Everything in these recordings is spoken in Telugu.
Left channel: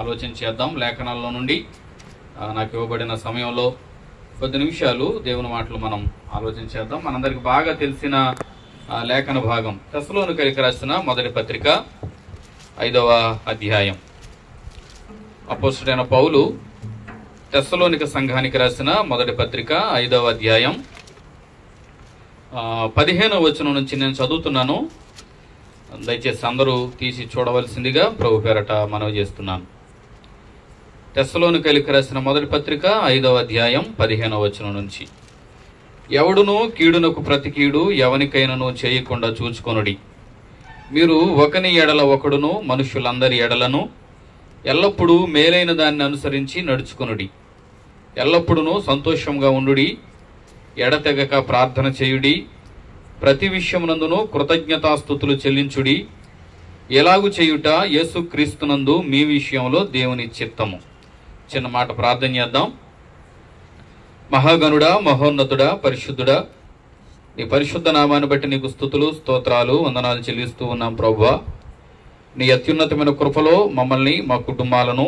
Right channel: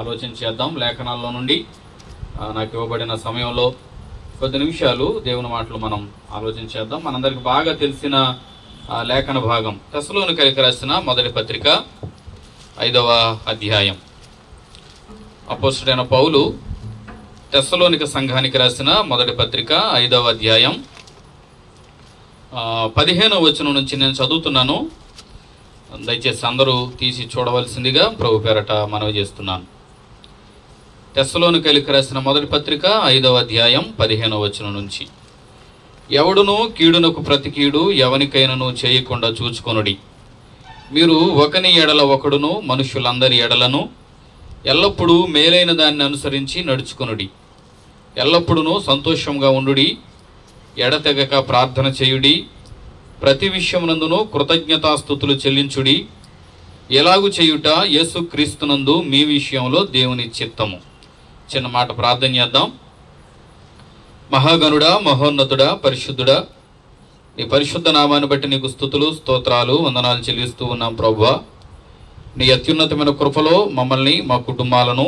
ఆలోచన చేద్దాం. లేఖనాల్లో నుండి నాకు ఇవ్వబడిన సమయంలో కొద్ది నిమిషాలు దేవుని మాటలు మనం ఆలోచన చేద్దాం. మనందరికి బాగా తెలిసిన లేఖన భాగం తెస్సలోనికైకి రాసిన మొదటి పత్రిక 5వ అధ్యాయం. అపోస్తలుడైన పౌలు తెస్సలోనిక సంఘానికి రాసిన మొదటి పత్రిక 5వ అధ్యాయం 15వ వచనం నుంచి నేను చదువుతున్నాను. దయచేసి అందరూ తీసి చూడవలసిందిగా ప్రభు పేరట మనవి చేస్తున్నాను. తెస్సలోనికైకి రాసిన మొదటి పత్రిక 5వ అధ్యాయం 15వ వచనం నుంచి. ఎవడును కీడునకు ప్రతి కీడు ఎవనికైనను చేయకుండా చూచుకొనుడి. మీరు ఒకని ఎడల ఒకడును మనుషులందరి ఎడలను ఎల్లప్పుడూ మేలైన దాన్ని అనుసరించి నడుచుకొనుడి. ఎల్లప్పుడూ సంతోషంగా ఉండుడి. ఎడతెగక ప్రార్థన చేయుడి. ప్రతి విషయమునందును కృతజ్ఞతాస్తుతులు చెల్లించుడి. ఎలాగు చేయుట యేసుక్రీస్తునందు మీ విషయంలో దేవుని చిత్తము. చిన్న మాట ప్రార్థన చేద్దాం. మహాగణుడా, మహోన్నతుడా, పరిశుద్ధుడా, నీ పరిశుద్ధ నామాన్ని బట్టి నీకు స్తుతులు, స్తోత్రాలు, వందనాలు చెల్లిస్తూ ఉన్నాం ప్రభువా. నీ అత్యున్నతమైన కృపలో మమ్మల్ని, మా కుటుంబాలను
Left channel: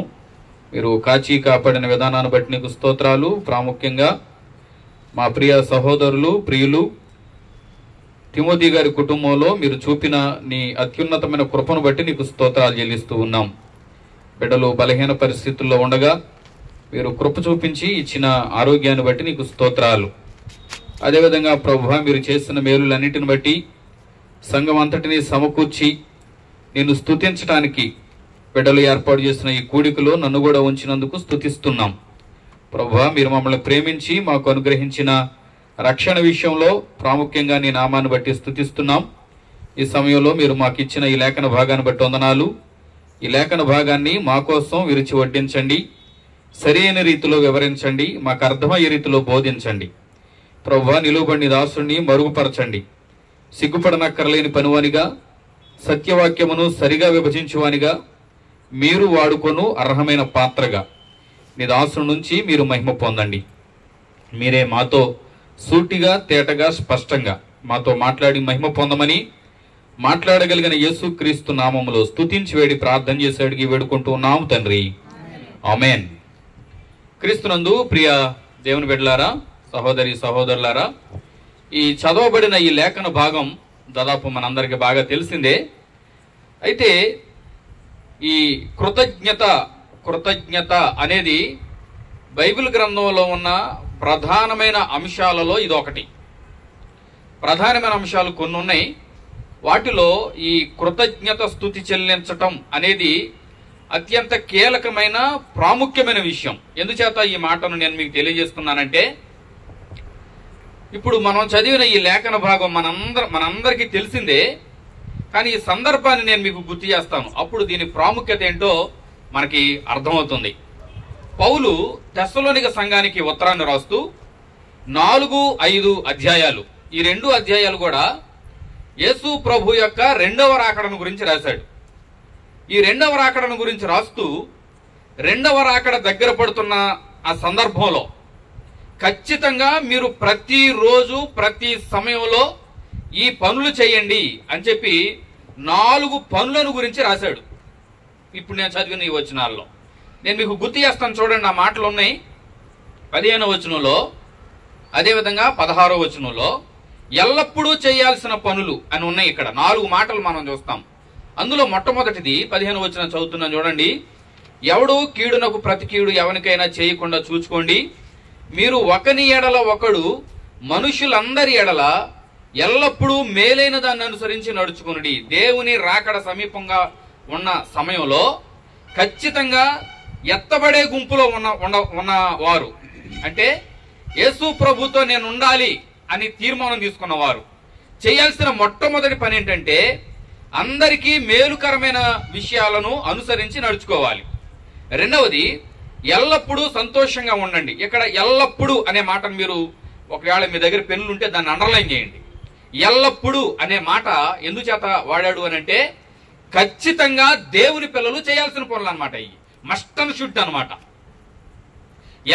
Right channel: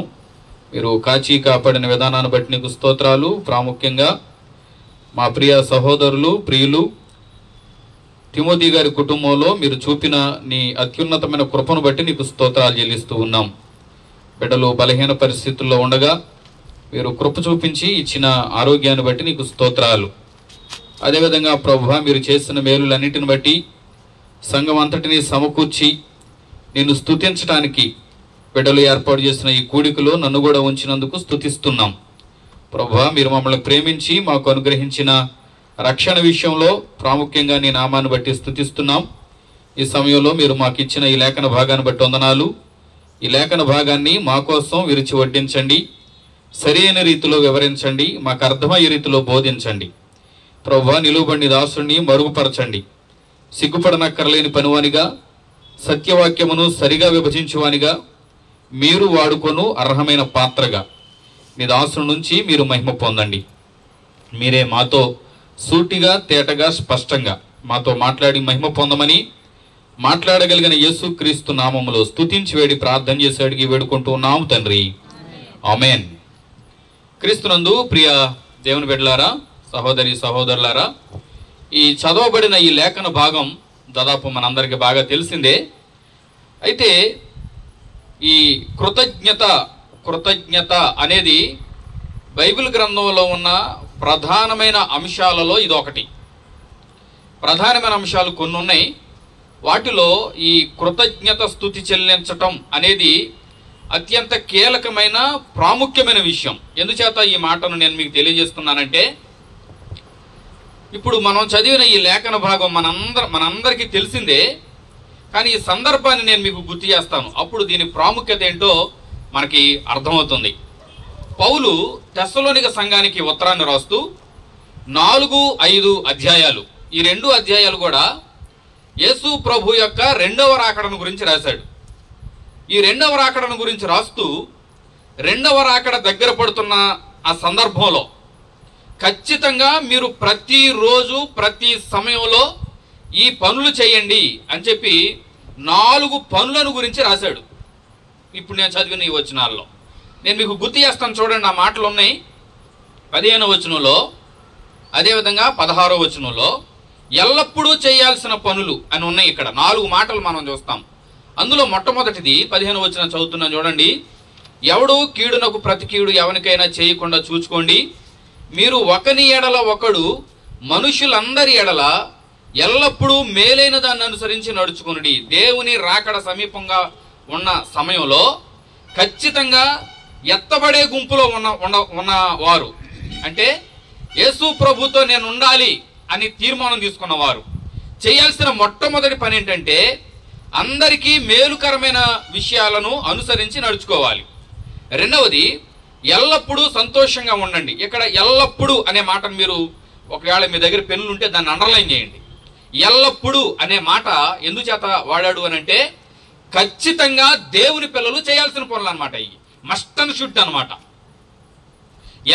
మీరు కాచి కాపాడిన విధానాన్ని బట్టి నీకు స్తోత్రాలు. ప్రాముఖ్యంగా మా ప్రియ సహోదరులు, ప్రియులు తిమోతి గారి కుటుంబంలో మీరు చూపిన నీ అత్యున్నతమైన కృపను బట్టి నీకు స్తోత్రాలు చెల్లిస్తూ ఉన్నాం. బిడ్డలు బలహీన పరిస్థితుల్లో ఉండగా మీరు కృప చూపించి ఇచ్చిన ఆరోగ్యాన్ని బట్టి నీకు స్తోత్రాలు. అదేవిధంగా ప్రభువా, మీరు చేసిన మేలులన్నిటిని బట్టి సంఘం అంతటినీ సమకూర్చి నిన్ను స్తుతించడానికి బిడ్డలు ఏర్పాటు చేసిన ఈ కూడికలో నన్ను కూడా ఉంచినందుకు స్తుతిస్తున్నాం. ప్రభువా, మీరు మమ్మల్ని ప్రేమించి మాకు అనుగ్రహించిన రక్షణ విషయంలో ప్రాముఖ్యంగా నీ నామాన్ని బట్టి స్తుతిస్తున్నాం. ఈ సమయంలో మీరు మాకు ఇచ్చిన ఈ లేఖన భాగాన్ని బట్టి వందనాలు. ఈ లేఖన భాగాన్ని మా కోసం విరిచి వడ్డించండి. సరైన రీతిలో వివరించండి. మాకు అర్థమయ్యే రీతిలో బోధించండి. ప్రభువా, నిలువబడిన దాసుని మరుగుపరచండి. సిగ్గుపడనక్కర్లేని పనివానిగా, సత్యవాక్యమును సరిగా విభజించువానిగా, మీరు వాడుకొను అర్హమైన పాత్రగా నీ దాసుని నుంచి మీరు మహిమ పొందండి. మీరే మాతో సూటిగా, తేటగా, స్పష్టంగా మాతో మాట్లాడి మహిమ పొందమని మాట్లాడగలిగిన యేసుక్రీస్తు నామములో స్తుతించి వేడి ప్రార్థన చేసి అడిగి వేడుకుంటూ ఉన్నాము తండ్రి, ఆమేన్. క్రీస్తునందు ప్రియ దేవుని బిడ్డలారా, సహోదరి సహోదరులారా, ఈ చదవబడిన ఈ లేఖన భాగం దాదాపు మనందరికీ బాగా తెలిసిందే. అయితే ఈ కృతజ్ఞత అనేది బైబిల్ గ్రంథంలో ఉన్న ప్రధానమైన అంశాలలో ఇది ఒకటి. ప్రధానమైన అంశాలు కొన్ని ఉన్నాయి. వాటిలో ఈ కృతజ్ఞత స్తుతి చెల్లించటం అనేది అత్యంత కీలకమైన ప్రాముఖ్యమైన విషయం. ఎందుచేత ఈ మాటను నేను మీకు తెలియజేస్తున్నానంటే, ఇప్పుడు మనం చదివిన ఈ లేఖన భాగం మనందరికీ తెలిసిందే. కానీ ఈ సందర్భాన్ని నేను మీకు గుర్తు చేస్తాను. అప్పుడు దీని ప్రాముఖ్యత ఏంటో మనకి అర్థమవుతుంది. పౌలు తెస్సలోనిక సంఘానికి ఉత్తరాన్ని రాస్తూ 4-5 అధ్యాయాలు, ఈ 2 అధ్యాయాలు కూడా యేసు ప్రభు యొక్క రెండవ రాకడను గురించి రాశాడు. ఈ రెండవ రాకడను గురించి రాస్తూ రెండవ రాకడ దగ్గర పడుతున్న ఆ సందర్భంలో ఖచ్చితంగా మీరు ప్రతిరోజు ప్రతి సమయంలో ఈ పనులు చేయండి అని చెప్పి 4 పనులను గురించి రాశాడు. ఇప్పుడు నేను చదివిన ఈ వచనాల్లో నేను మీకు గుర్తు చేస్తాను. చూడండి, ఆ మాటలు ఉన్నాయి 15వ వచనంలో, అదేవిధంగా 16వ వచనంలో ఎల్లప్పుడూ చేయాల్సిన పనులు అని ఉన్నాయి. ఇక్కడ 4 మాటలు మనం చూస్తాం. అందులో మొట్టమొదటిది 15వ వచనం చదువుతున్నాం చూడండి. ఎవడు కీడునకు ప్రతి కీడు ఎవరికైనా చేయకుండా చూచుకోండి. మీరు ఒకని ఎడల ఒకడు మనుషులందరి ఎడల ఎల్లప్పుడూ మేలైన దాన్ని అనుసరించి నడుచుకునుడి. దేవుని రాకడ సమీపంగా ఉన్న సమయంలో ఖచ్చితంగా ఎత్తబడే గుంపులో ఉన్న వారు, అంటే యేసు ప్రభుతో నేను ఉండాలి అని తీర్మానం తీసుకున్నవారు చేయాల్సిన మొట్టమొదటి పని ఏంటంటే అందరికీ మేలుకరమైన విషయాలను అనుసరించి నడుచుకోవాలి. రెండవది, ఎల్లప్పుడూ సంతోషంగా ఉండండి. ఇక్కడ ఎల్లప్పుడూ అనే మాటను మీరు ఒకవేళ మీ దగ్గర పెన్నులు ఉంటే దాన్ని అండర్లైన్ చేయండి. ఎల్లప్పుడూ అనే మాట ఎందుచేత వాడాడు అని అంటే, ఖచ్చితంగా దేవుని పిల్లలు చేయాల్సిన పనులు అనమాట. ఇవి మస్ట్ అండ్ షుడ్ అనమాట.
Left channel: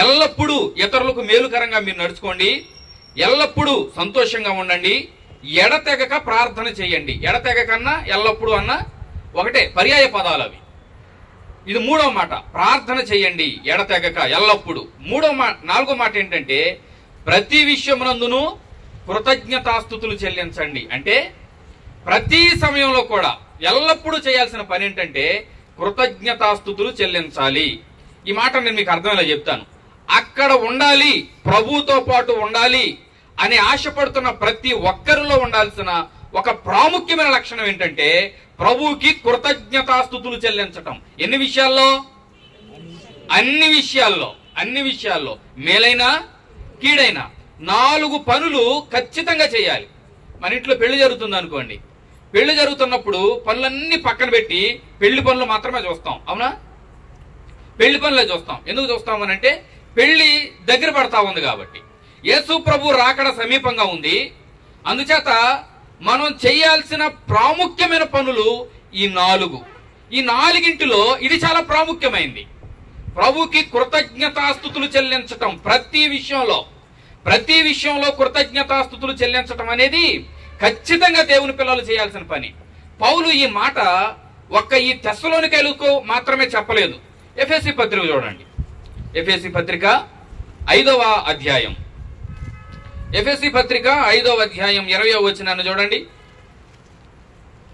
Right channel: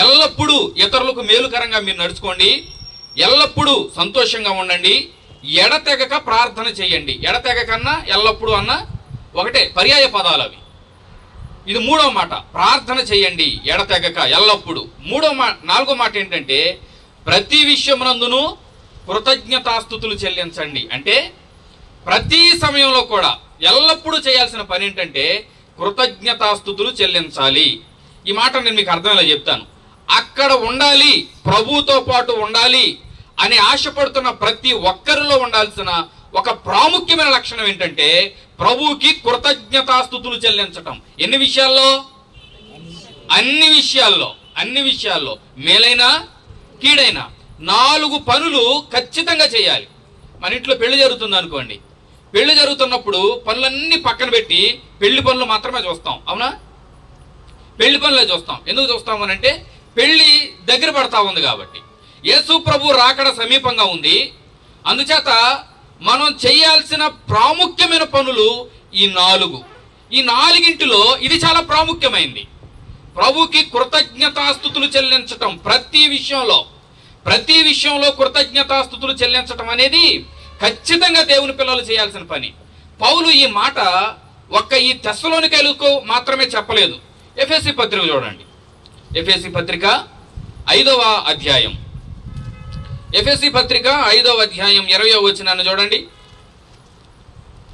ఎల్లప్పుడూ ఇతరులకు మేలుకరంగా మీరు నడుచుకోండి. ఎల్లప్పుడూ సంతోషంగా ఉండండి. ఎడతెగక ప్రార్థన చేయండి. ఎడతెగకన్నా ఎల్లప్పుడూ అన్న ఒకటే, పర్యాయ పదాలు అవి. ఇది మూడో మాట, ప్రార్థన చేయండి ఎడతెగక ఎల్లప్పుడు. నాలుగో మాట ఏంటంటే ప్రతి విషయమునందును కృతజ్ఞతాస్తుతులు చెల్లించండి. అంటే ప్రతి సమయంలో కూడా ఎల్లప్పుడూ చేయాల్సిన పని ఏంటంటే కృతజ్ఞతాస్తుతులు చెల్లించాలి. ఈ మాట నేను మీకు అర్థమయ్యేలా చెప్తాను. అక్కడ ఉండాలి, ప్రభువుతో పాటు ఉండాలి అని ఆశపడుతున్న ప్రతి ఒక్కరిలో ఉండాల్సిన ఒక ప్రాముఖ్యమైన లక్షణం ఏంటంటే ప్రభువుకి కృతజ్ఞతాస్తుతులు చెల్లించటం. ఎన్ని విషయాల్లో? అన్ని విషయాల్లో మేలైనా కీడైనా 4 పనులు ఖచ్చితంగా చేయాలి. మన ఇంట్లో పెళ్లి జరుగుతుంది అనుకోండి, పెళ్లి జరుగుతున్నప్పుడు పనులన్నీ పక్కన పెట్టి పెళ్లి పనులు మాత్రమే చూస్తాం, అవునా? పెళ్లి పనులే చూస్తాం. ఎందుకు చూస్తాం అనంటే పెళ్లి దగ్గర పడతా ఉంది కాబట్టి. యేసు ప్రభు రాకడ సమీపంగా ఉంది. అందుచేత మనం చేయాల్సిన ప్రాముఖ్యమైన పనులు ఈ 4. ఈ 4ంటిలో ఇది చాలా ప్రాముఖ్యమైంది. ప్రభుకి కృతజ్ఞతాస్తుతులు చెల్లించటం ప్రతి విషయంలో కృతజ్ఞతాస్తుతులు చెల్లించటం అనేది ఖచ్చితంగా దేవుని పిల్లలు చేయాల్సిన పని. పౌలు ఈ మాట ఈ తెస్సలోనికైలకు మాత్రమే చెప్పలేదు. ఎఫెసీ పత్రిక చూడండి. ఎఫెసీ పత్రిక 5వ అధ్యాయం. ఎఫెసీ పత్రిక 5వ అధ్యాయం 20వ వచనాన్ని చూడండి.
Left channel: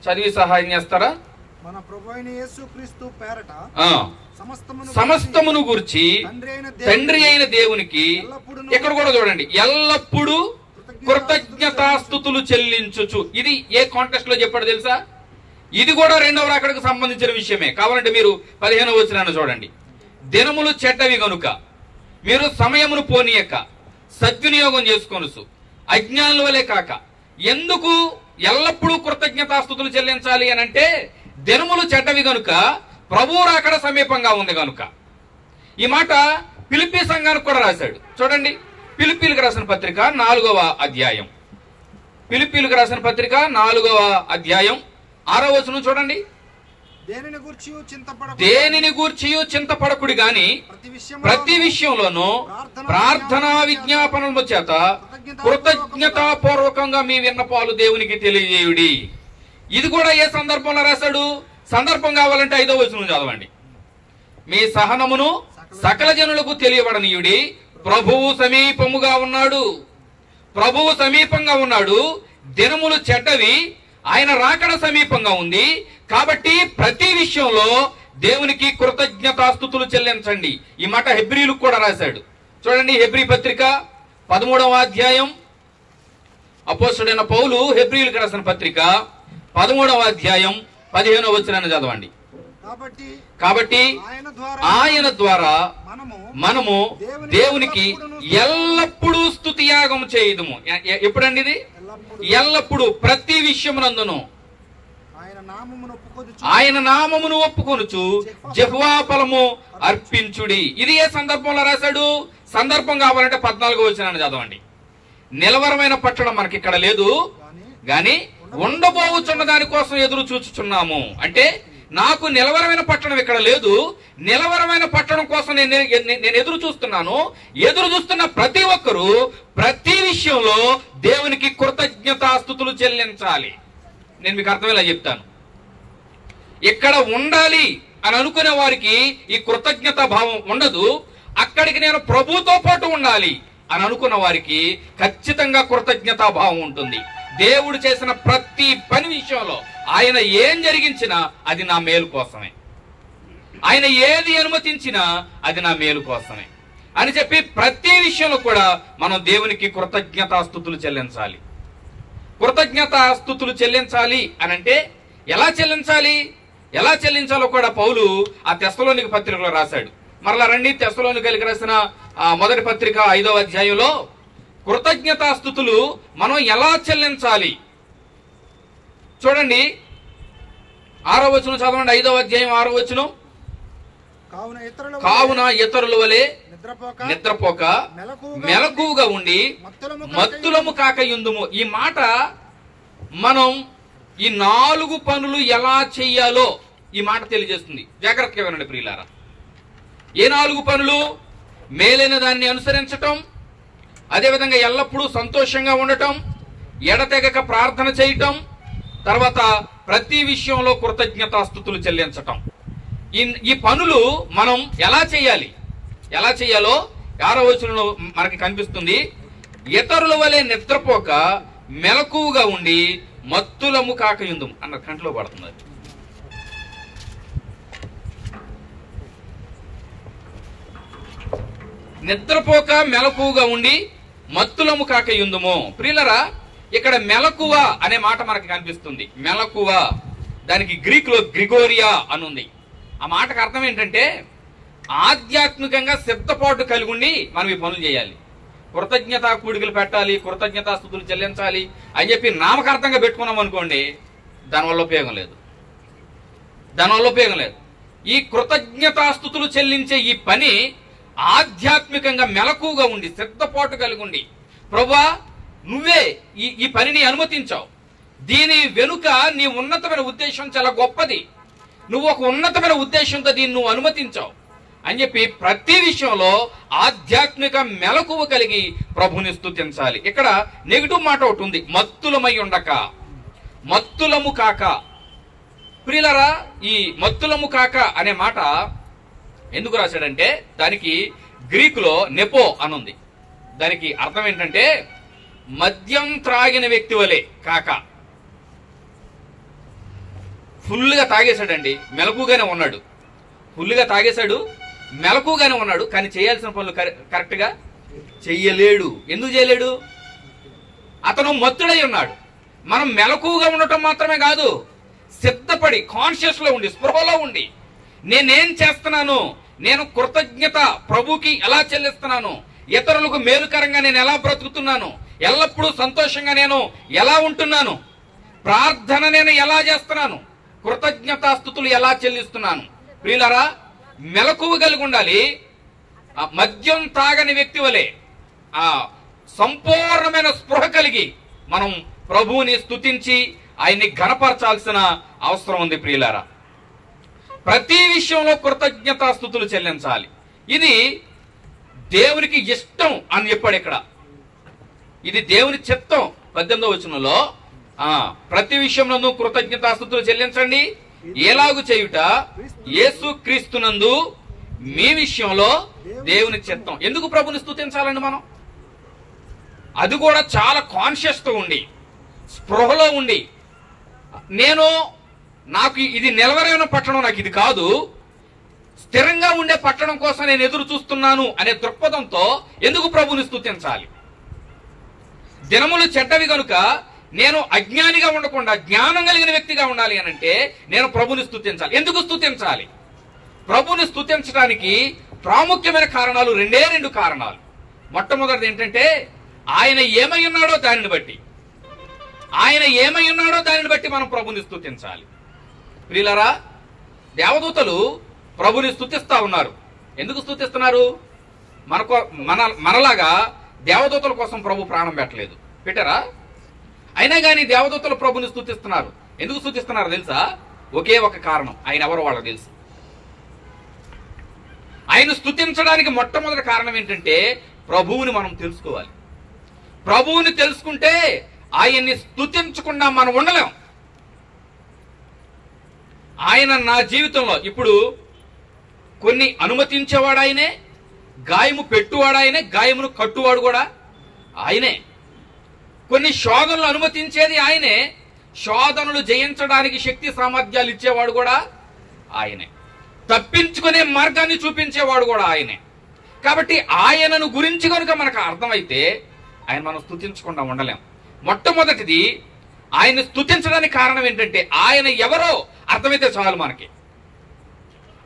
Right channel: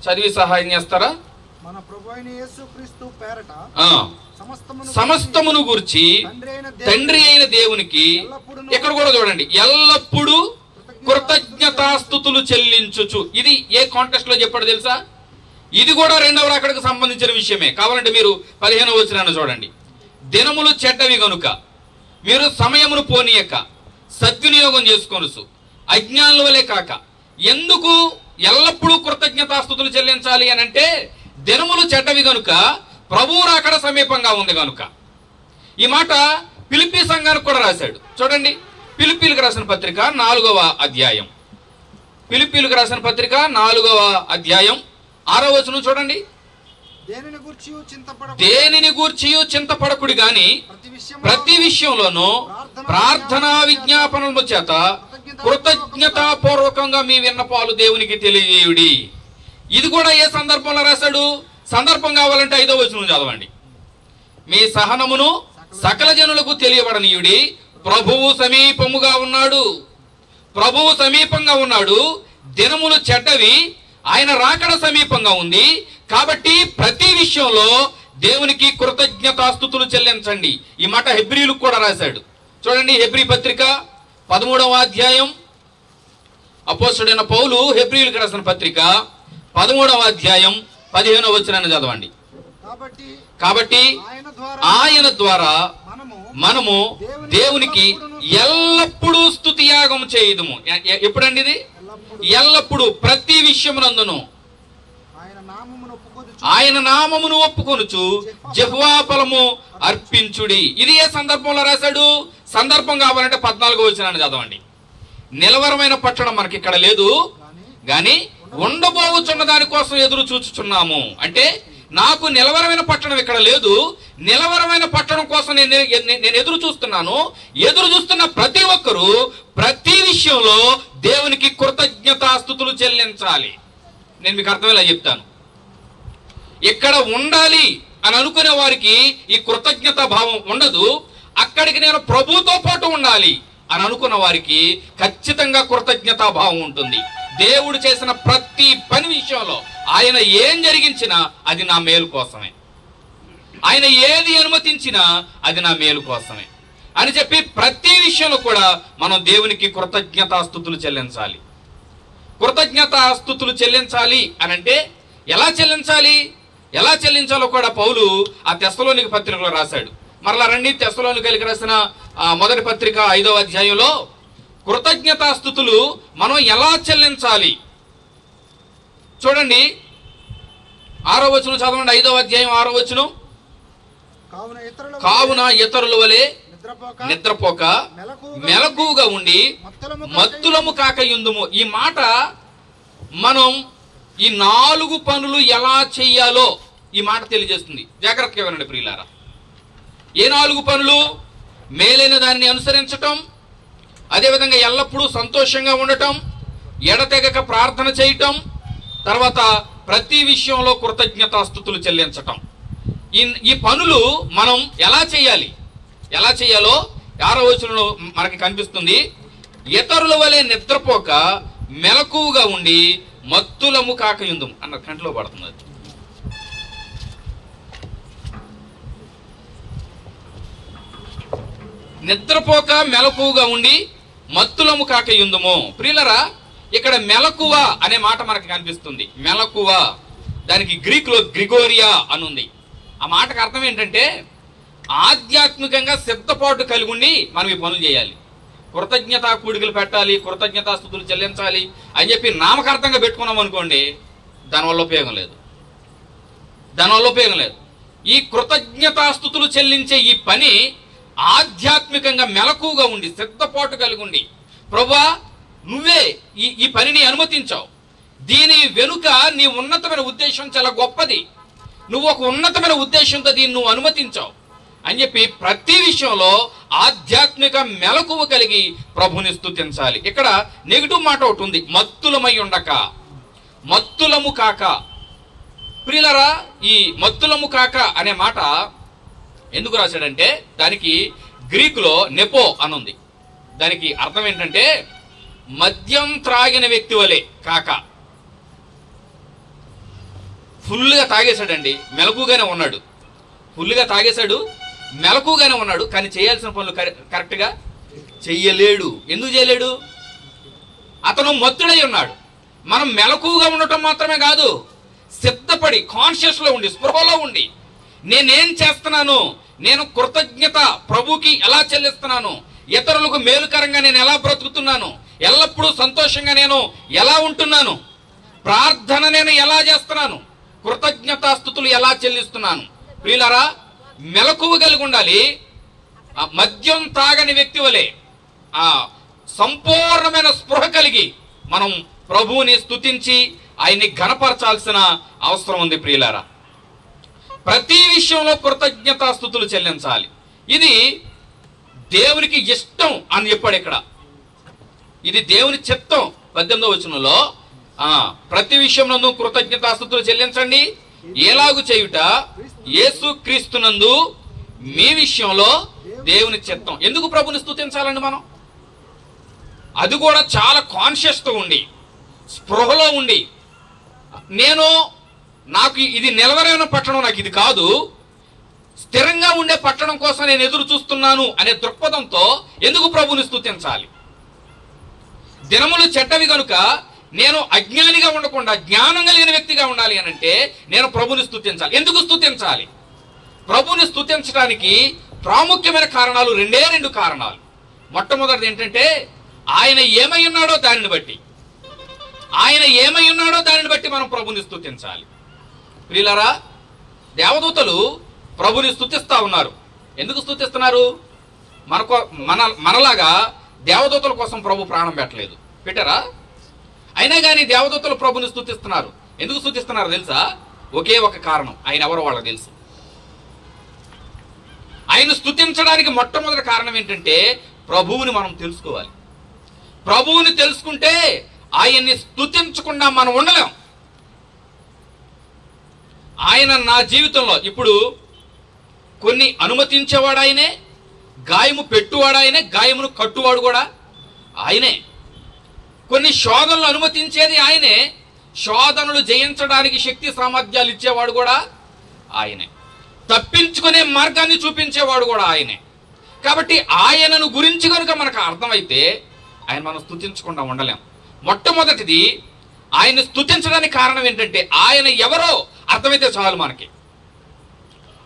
చదివి సహాయం చేస్తారా? మన ప్రభువైన యేసుక్రీస్తు పేరట సమస్తమును గురించి తండ్రి అయిన దేవునికి, ఇక్కడ కూడా చూడండి, ఎల్లప్పుడూ కృతజ్ఞతాస్తుతులు చెల్లించుచు. ఇది ఏ కాంటెక్స్ట్ లో చెప్పాడు తెలుసా? ఇది కూడా 2వ రాకడకు సంబంధించిన విషయమే. కావాలంటే మీరు 15వ వచనాన్ని చూడండి. దినములు చెడ్డవి గనుక మీరు సమయమును పోనీయక సద్వినియోగం చేసుకొనుసు, అజ్ఞానుల వలె కాక. ఎందుకు ఎల్లప్పుడూ కృతజ్ఞతాస్తుతులు చెల్లించాలి అని అంటే దినములు చెడ్డవి గనుక ప్రభువు రాకడ సమీపంగా ఉంది గనుక. ఈ మాట ఫిలిప్పీ సంఘానికి కూడా రాశాడు. చూడండి, ఫిలిప్పీలకు రాసిన పత్రిక 4వ అధ్యాయం. ఫిలిప్పీలకు రాసిన పత్రిక 4వ అధ్యాయం 6వ వచనం చూడండి. దేనిని గూర్చియు చింతపడకుడి గాని ప్రతి విషయంలోనూ ప్రార్థనా విజ్ఞాపనల చేత కృతజ్ఞతాపూర్వకంగా మీ విన్నపాలు దేవునికి తెలియజేయుడి. ఇది కూడా ఏ సందర్భంలో రాశాడు? సందర్భం కావాలంటే 5వ వచనం చదవండి. మీ సహనమును సకల జనులకు తెలియబడనీయుడి, ప్రభువు సమీపముగా ఉన్నాడు. ప్రభువు సమీపంగా ఉన్నాడు. దినములు చెడ్డవి, ఆయన రాకడ సమీపంగా ఉంది. కాబట్టి ప్రతి విషయంలో దేవునికి కృతజ్ఞతాస్తుతులు చెల్లించండి. ఈ మాట హెబ్రీలకు కూడా రాశాడు. చూడండి, హెబ్రీ పత్రిక 13వ అధ్యాయం. అపోస్తలుడైన పౌలు హెబ్రీలకు రాసిన పత్రిక 13వ అధ్యాయం 15వ వచనాన్ని చదవండి. కాబట్టి ఆయన ద్వారా మనము దేవునికి ఎల్లప్పుడూ స్తుతియాగం చేయుదుము. ఎప్పుడండి ఇది? ఎల్లప్పుడూ, ప్రతి విషయమునందును ఆయన నామమును ఒప్పుకొనుచు జెహోవా ఫలము అర్పించుడి. ఇది ఏ సందర్భంలో రాశాడు? సందర్భం కావాలంటే 14వ వచనాన్ని చదవండి. నిలవరమైన పట్టణం మనకి ఇక్కడ లేదు గాని ఉండబోచున్న దానికోసం ఎదురు చూచుచున్నాము. అంటే నాకు నిలవరమైన పట్టణం ఇక్కడ లేదు, నిలవరమైన పట్టణం కోసం నేను ఎదురు చూస్తున్నాను. ఎదురు చూస్తున్న ప్రతి ఒక్కరూ ప్రతి విషయంలో దేవునికి కృతజ్ఞతాస్తుతులు చెల్లించాలి. నేను మీకు అర్థమయ్యేలా చెప్తాను. ఇక్కడ ఉండాలి అని అనుకునే వారికి ఈ కృతజ్ఞత భావం ఉండదు. అక్కడికి నేను ప్రభుతో పాటు ఉండాలి అని అనుకున్న వారికి ఖచ్చితంగా కృతజ్ఞతా భావం ఉంటుంది. దేవుడు చేసిన ప్రతి పని విషయంలో ఆయన ఏం జరిగించినా అది నా మేలు కోసమే, ఆయన ఏది అనుమతించినా అది నా మేలు కోసమే అని చెప్పి ప్రతి విషయంలో కూడా మనం దేవునికి కృతజ్ఞతాస్తుతులు చెల్లించాలి. కృతజ్ఞతాస్తుతులు చెల్లించాలి అని అంటే ఎలా చెల్లించాలో కూడా పౌలు ఆ తెస్సలోనిక పత్రికలో రాశాడు. మరలా రండి, తెస్సలోనికైలకు రాసిన మొదటి పత్రిక 5వ అధ్యాయంలో కృతజ్ఞతాస్తుతులు మనం ఎలా చెల్లించాలి చూడండి. 6వ వచనం చదవండి. 5వ అధ్యాయం 6వ వచనం. కావున ఇతరుల వలె నిద్రపోక మెలకువగా ఉండి మత్తులము కాక యుందుము. ఈ మాట మనం ఈ 4 పనులు ఎలా చెయ్యాలో ఈ మాట తెలియజేస్తుంది. జాగ్రత్తగా వినండి ప్రియులారా. ఏ 4 పనులు? మేలైన దాన్ని అనుసరించటం, అదేవిధంగా ఎల్లప్పుడూ సంతోషంగా ఉండటం, ఎడతెగక ప్రార్థన చేయటం, తర్వాత ప్రతి విషయంలో కృతజ్ఞతాస్తుతులు చెల్లించటం. ఈ పనులు మనం ఎలా చేయాలి, ఎలా చేయాలో 6వ వచనంలో మనకి కనిపిస్తుంది. ఇతరుల వలె నిద్రపోక మెలకువగా ఉండి మత్తులము కాకయుందుము అన్న కంట్లో పడుతుంది. నిద్రపోక మెలకువగా ఉండి మత్తులము కాకయుందుము. ప్రియులరా, ఇక్కడ మెలకువ అనే మాట మనకి కనిపిస్తుంది. మెలకువ, దానికి గ్రీక్ లో గ్రిగోరియా అనుంది. ఆ మాటకు అర్థం ఏంటంటే ఆధ్యాత్మికంగా సిద్ధపాటు కలిగి ఉండి మనం ఈ పనులు చేయాలి. కృతజ్ఞతా కూడికలు పెట్టాలి, కృతజ్ఞతాస్తుతులు చెల్లించాలి అని చెప్పి నామకార్థంగా పెట్టుకున్నాం అనుకోండి, దానివల్ల ఉపయోగం లేదు. ఈ కృతజ్ఞతాస్తుతులు చెల్లించే ఈ పని ఆధ్యాత్మికంగా మెలకువగా ఉండి సిద్ధపాటు కలిగి ఉండి, ప్రభువా నువ్వే ఈ పనిని అనుమతించావు, దీని వెనుక నీ ఉన్నతమైన ఉద్దేశం చాలా గొప్పది, నువ్వు ఒక ఉన్నతమైన ఉద్దేశంతో దీన్ని నువ్వు అనుమతించావు అని చెప్పి ప్రతి విషయంలో ఆధ్యాత్మిక మెలకువ కలిగి ప్రభుని స్తుతించాలి. ఇక్కడ నెగిటివ్ మాట ఒకటి ఉంది, మత్తులమై ఉండక, మత్తులము కాక. ప్రియులరా, ఈ మత్తులము కాక అనే మాట ఎందుకు రాశాడంటే దానికి గ్రీక్ లో నెపో అనుంది. దానికి అర్థం ఏంటంటే మద్యం త్రాగిన వ్యక్తి వలె కాక. ఫుల్గా తాగేశాడండి, మెలకుగానే ఉన్నాడు. ఫుల్గా తాగేశాడు, మెలకుగానే ఉన్నాడు, కానీ చేయాల్సిన పనులు కరెక్ట్ గా చెయ్యలేడు. ఎందుకు చేయలేడు? అతను మత్తుడై ఉన్నాడు. మనం మెలకుగా ఉండటం మాత్రమే కాదు, సిద్ధపడి కాన్షియస్ లో ఉండి స్పృహలో ఉండి నేనేం చేస్తున్నాను, నేను కృతజ్ఞత ప్రభుకి ఎలా చెల్లిస్తున్నాను, ఇతరులకు మేలుకరంగా నేను ఎలా బ్రతుకుతున్నాను, ఎల్లప్పుడూ సంతోషంగా నేను ఎలా ఉంటున్నాను, ప్రార్థన నేను ఎలా చేస్తున్నాను, కృతజ్ఞతాస్తుతులు ఎలా చెల్లిస్తున్నాను. ప్రియులారా, మెలకువ కలిగి ఉండాలి. మద్యం తాగని వ్యక్తి వలె సంపూర్ణమైన స్పృహ కలిగి మనం ప్రభువుని స్తుతించి ఆయన్ని ఘనపరచాల్సిన అవసరం ఉంది. ప్రియులారా, ప్రతి విషయంలో కృతజ్ఞతాస్తుతులు చెల్లించాలి. ఇది దేవునికి ఇష్టం అని చెప్పాడు ఇక్కడ. ఇది దేవుని చిత్తం. 18వ వచనంలో ప్రతి విషయంలో కృతజ్ఞతాస్తుతులు చెల్లించండి, ఎలాగు చేయుట యేసు క్రీస్తునందు మీ విషయంలో దేవుని చిత్తం. ఎందుకు ప్రభుని స్తుతించాలండి మనం? అది కూడా చాలా కాన్షియస్ తో ఉండి స్పృహలో ఉండి, నాకు ఇది నిలవరైన పట్టణం, నాకు ఇది కాదు, స్థిరంగా ఉండే పట్టణం కోసం నేను ఎదురు చూస్తున్నాను అనే దృక్పథంతో ఎందుకు ప్రభుని స్తుతించాలి? దినములు చెడ్డవి కనుక నేను అజ్ఞానిగా ఉండకుండా జ్ఞానం కలిగిన వ్యక్తిగా ఉండాలి అని అంటే నేను ప్రభుని స్తుతించాలి. ఎందుకు స్తుతించాలి? ప్రభుని స్తుతించడానికి ప్రాముఖ్యమైన కారణాలు రెండు కారణాలు. మొట్టమొదటిది ఏంటంటే ఆయన ఏమై ఉన్నాడో దానిని బట్టి మనం ప్రభుని స్తుతించాలి. ప్రియులారా, దేవదూతలు ప్రభుని స్తుతిస్తా ఉన్నారు. ఎందుకు స్తుతిస్తున్నారు? మనలాగా దేవదూతల కోసం ప్రభు ప్రాణం పెట్టరా? అయినా కానీ దేవదూతలు ప్రభుని స్తుతిస్తున్నారు. ఎందుకు స్తుతిస్తున్నారు తెలుసా? ఒకే ఒక కారణం, ఆయన ఎవరో వాళ్ళకి తెలుసు. ఆయన స్తుతించడానికి మొట్టమొదటి కారణం ఏంటంటే ప్రభువుని మనం తెలుసుకోవాలి. ప్రభువుని తెలుసుకుంటే ఆయన్ని స్తుతించకుండా మనం ఉండలేం. ఆయన నా జీవితంలో ఇప్పుడు కొన్ని అనుమతించేవాడు ఆయనే, గాయము పెట్టువాడు ఆయనే, గాయమును కట్టువాడు కూడా ఆయనే. కొన్ని శోధనలు అనుమతించేది ఆయనే, శోధనలు జయించడానికి శక్తి సామర్థ్యాలు ఇచ్చేవాడు కూడా ఆయనే, తప్పించుకునే మార్గాన్ని చూపించేవాడు కూడా ఆయనే. కాబట్టి ఆయనను గురించి కనుక మనకు అర్థమైతే ఆయన మనం స్తుతించకుండా ఉండలేం. మొట్టమొదటిది, ఆయన స్తుతించడానికి కారణం ఏంటంటే ఆయన ఎవరో అర్థమైతే చాలు. మనకి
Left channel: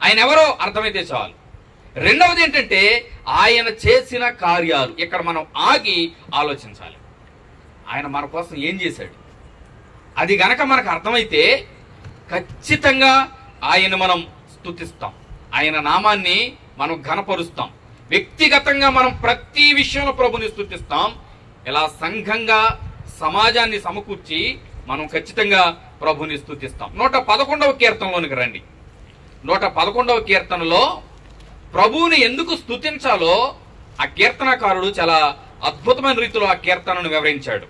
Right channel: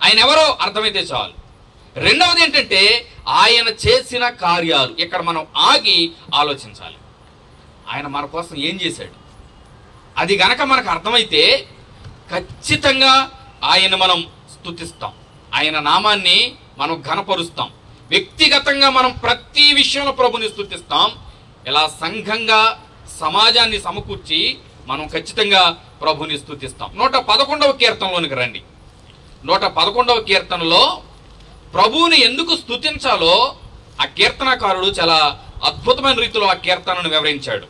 ఆయన ఎవరో అర్థమైతే చాలు. రెండవది ఏంటంటే ఆయన చేసిన కార్యాలు. ఇక్కడ మనం ఆగి ఆలోచించాలి, ఆయన మన కోసం ఏం చేశాడు. అది గనక మనకు అర్థమైతే ఖచ్చితంగా ఆయన మనం స్తుతిస్తాం, ఆయన నామాన్ని మనం ఘనపరుస్తాం. వ్యక్తిగతంగా మనం ప్రతి విషయంలో ప్రభుని స్తుతిస్తాం. ఇలా సంఘంగా సమాజాన్ని సమకూర్చి మనం ఖచ్చితంగా ప్రభుని స్తుతిస్తాం. 111వ కీర్తనలోనికి రండి. 111వ కీర్తనలో ప్రభువుని ఎందుకు స్తుతించాలో ఆ కీర్తనకారుడు చాలా అద్భుతమైన రీతిలో ఆ కీర్తనను వివరించాడు.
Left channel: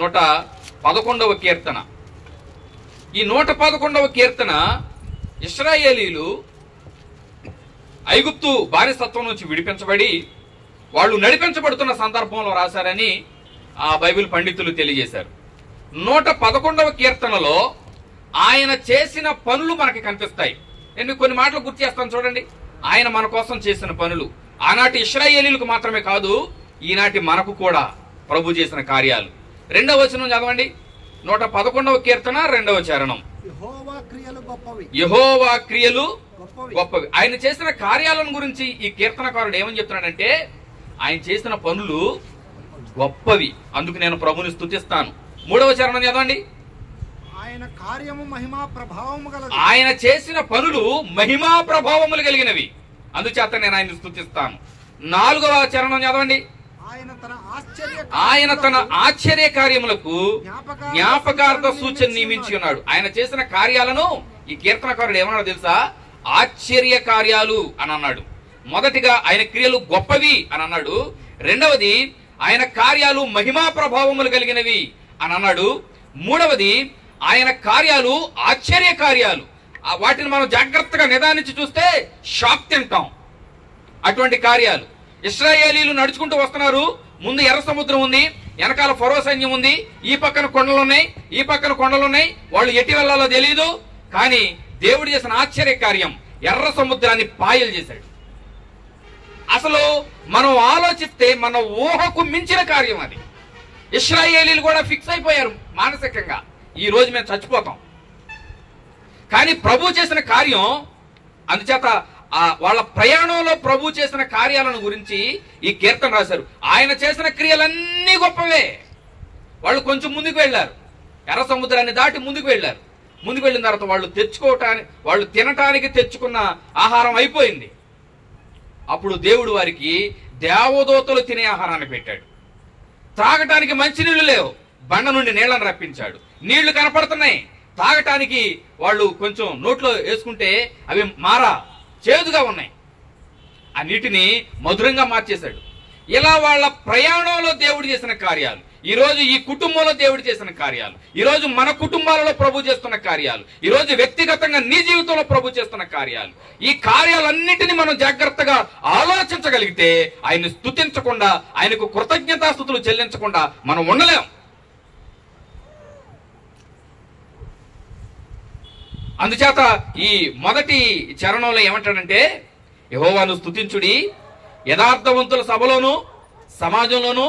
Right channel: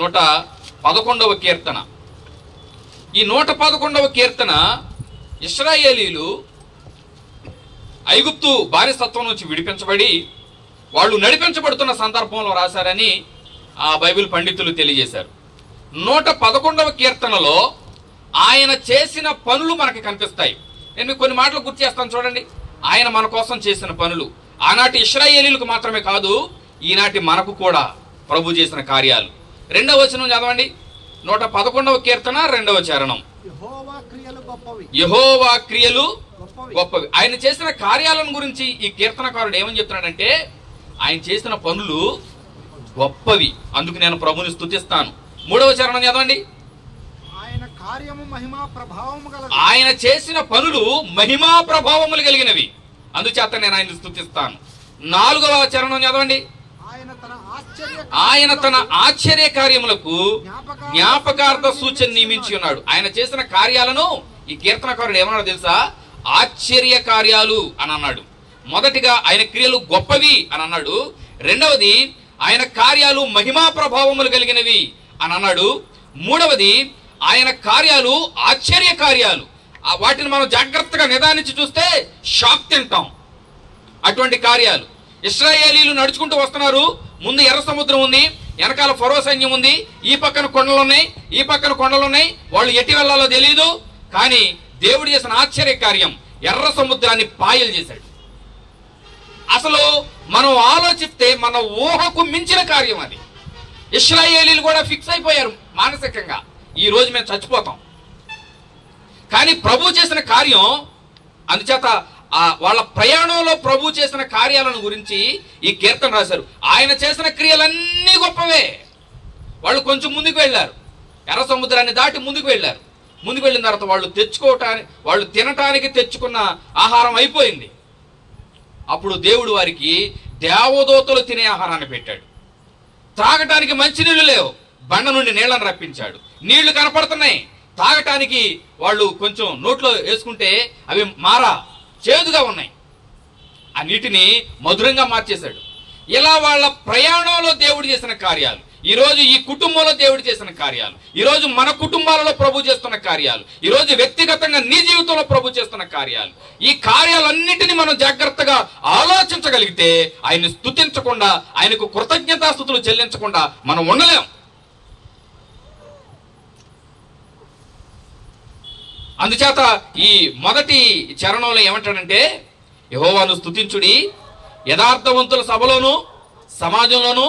111వ కీర్తన. ఈ 111వ కీర్తన ఇశ్రాయేలీలు ఐగుప్తు బానిసత్వం నుంచి విడిపించబడి వాళ్ళు నడిపించబడుతున్న సందర్భంలో రాశారని ఆ బైబిల్ పండితులు తెలియజేశారు. 111వ కీర్తనలో ఆయన చేసిన పనులు మనకి కనిపిస్తాయి. నేను మీకు కొన్ని మాటలు గుర్తు చేస్తాను చూడండి. ఆయన మన కోసం చేసిన పనులు ఆనాటి ఇశ్రాయేలీలకు మాత్రమే కాదు, ఈనాటి మనకు కూడా ప్రభు చేసిన కార్యాలు. 2వ వచనం చదవండి. 111వ కీర్తన 2వ చరణం. యెహోవా క్రియలు గొప్పవి. యెహోవా క్రియలు గొప్పవి. ఆయన చేసిన కార్యాలను గురించి ఈ కీర్తనకారుడు ఏమని చెప్తున్నాడంటే, ఆయన చేసిన పనులు గొప్పవి, అందుకు నేను ప్రభుని స్తుతిస్తాను. 3వ చరణం చదవండి. ఆయన కార్యము మహిమా ప్రభావము గలది. ఆయన చేసిన పనులు మహిమా ప్రభావములు కలిగినవి, అందుచేత నేను ఆయన స్తుతిస్తాను. 4వ చరణం చదవండి. ఆయన తన ఆశ్చర్య కార్యములకు జ్ఞాపకార్థ సూచన నియమించి ఉన్నాడు. ఆయన చేసిన కార్యాలను ఈ కీర్తనకారుడు ఏమన్నాడు తెలుసా? ఆశ్చర్య కార్యాలు అని అన్నాడు. మొదటిగా ఆయన క్రియలు గొప్పవి అని అన్నాడు. రెండవది ఆయన కార్యాలు మహిమా ప్రభావములు కలిగినవి అని అన్నాడు. మూడవది ఆయన కార్యాలు ఆశ్చర్య కార్యాలు. వాటిని మనం జాగ్రత్తగా నిదానించి చూస్తే షాక్ తింటాం. అటువంటి కార్యాలు. ఇశ్రాయేలీలు నడుచుకుంటూ వస్తున్నారు. ముందు ఎర్ర సముద్రం ఉంది, వెనకాల ఫరో సైన్యం ఉంది, ఈ పక్కన కొండలు ఉన్నాయి, ఈ పక్కన కొండలు ఉన్నాయి. వాళ్ళు ఎట్టి వెళ్లాలో తెలియదు. కానీ దేవుడు చేసిన ఆశ్చర్య కార్యం ఎర్ర సముద్రాన్ని పాయలు చేశాడు. అసలు మనం ఆలోచిస్తే మన ఊహకు మించిన కార్యం అది. ఇశ్రాయేలీలు కూడా ఫిక్స్ అయిపోయారు మానసికంగా, ఈ రోజు మేము చచ్చిపోతాం. కానీ ప్రభు చేసిన కార్యం, అందుచేత వాళ్ళ ప్రయాణంలో ప్రభు చేసిన కార్యాలను గురించి ఈ కీర్తన రాశారు. ఆయన చేసిన క్రియలన్నీ గొప్పవే. వాళ్ళు కొంచెం ముందుకు వెళ్ళారు, ఎర్ర సముద్రాన్ని దాటి ముందుకు వెళ్ళారు. ముందుకు వెళ్ళిన తర్వాత వాళ్ళు తినటానికి తెచ్చుకున్న ఆహారం అయిపోయింది. అప్పుడు దేవుడు వారికి దేవదూతలు తినే ఆహారాన్ని పెట్టాడు. త్రాగటానికి మంచినీళ్లు లేవు, బండ నుండి నీళ్లను రప్పించాడు. నీళ్లు కనపడుతున్నాయి, తాగటానికి వాళ్ళు కొంచెం నోట్లో వేసుకుంటే అవి చేదుగా ఉన్నాయి. ఆ నీటిని మధురంగా మార్చేశాడు. ఇలా వాళ్ళ ప్రయాణంలో దేవుడు చేసిన కార్యాలు, ఈరోజు ఈ కుటుంబంలో దేవుడు చేసిన కార్యాలు, ఈరోజు మన కుటుంబాలలో ప్రభు చేస్తున్న కార్యాలు, ఈరోజు వ్యక్తిగతంగా నీ జీవితంలో ప్రభు చేస్తున్న కార్యాలు, ఈ కార్యాలన్నిటినీ మనం జాగ్రత్తగా ఆలోచించగలిగితే ఆయన్ని స్తుతించకుండా, ఆయనకు కృతజ్ఞతాస్తుతులు చెల్లించకుండా మనం ఉండలేం. అందుచేత ఈ మొదటి చరణంలో ఏమంటాడంటే, యెహోవాను స్తుతించుడి, యథార్థవంతుల సభలోను సమాజంలోను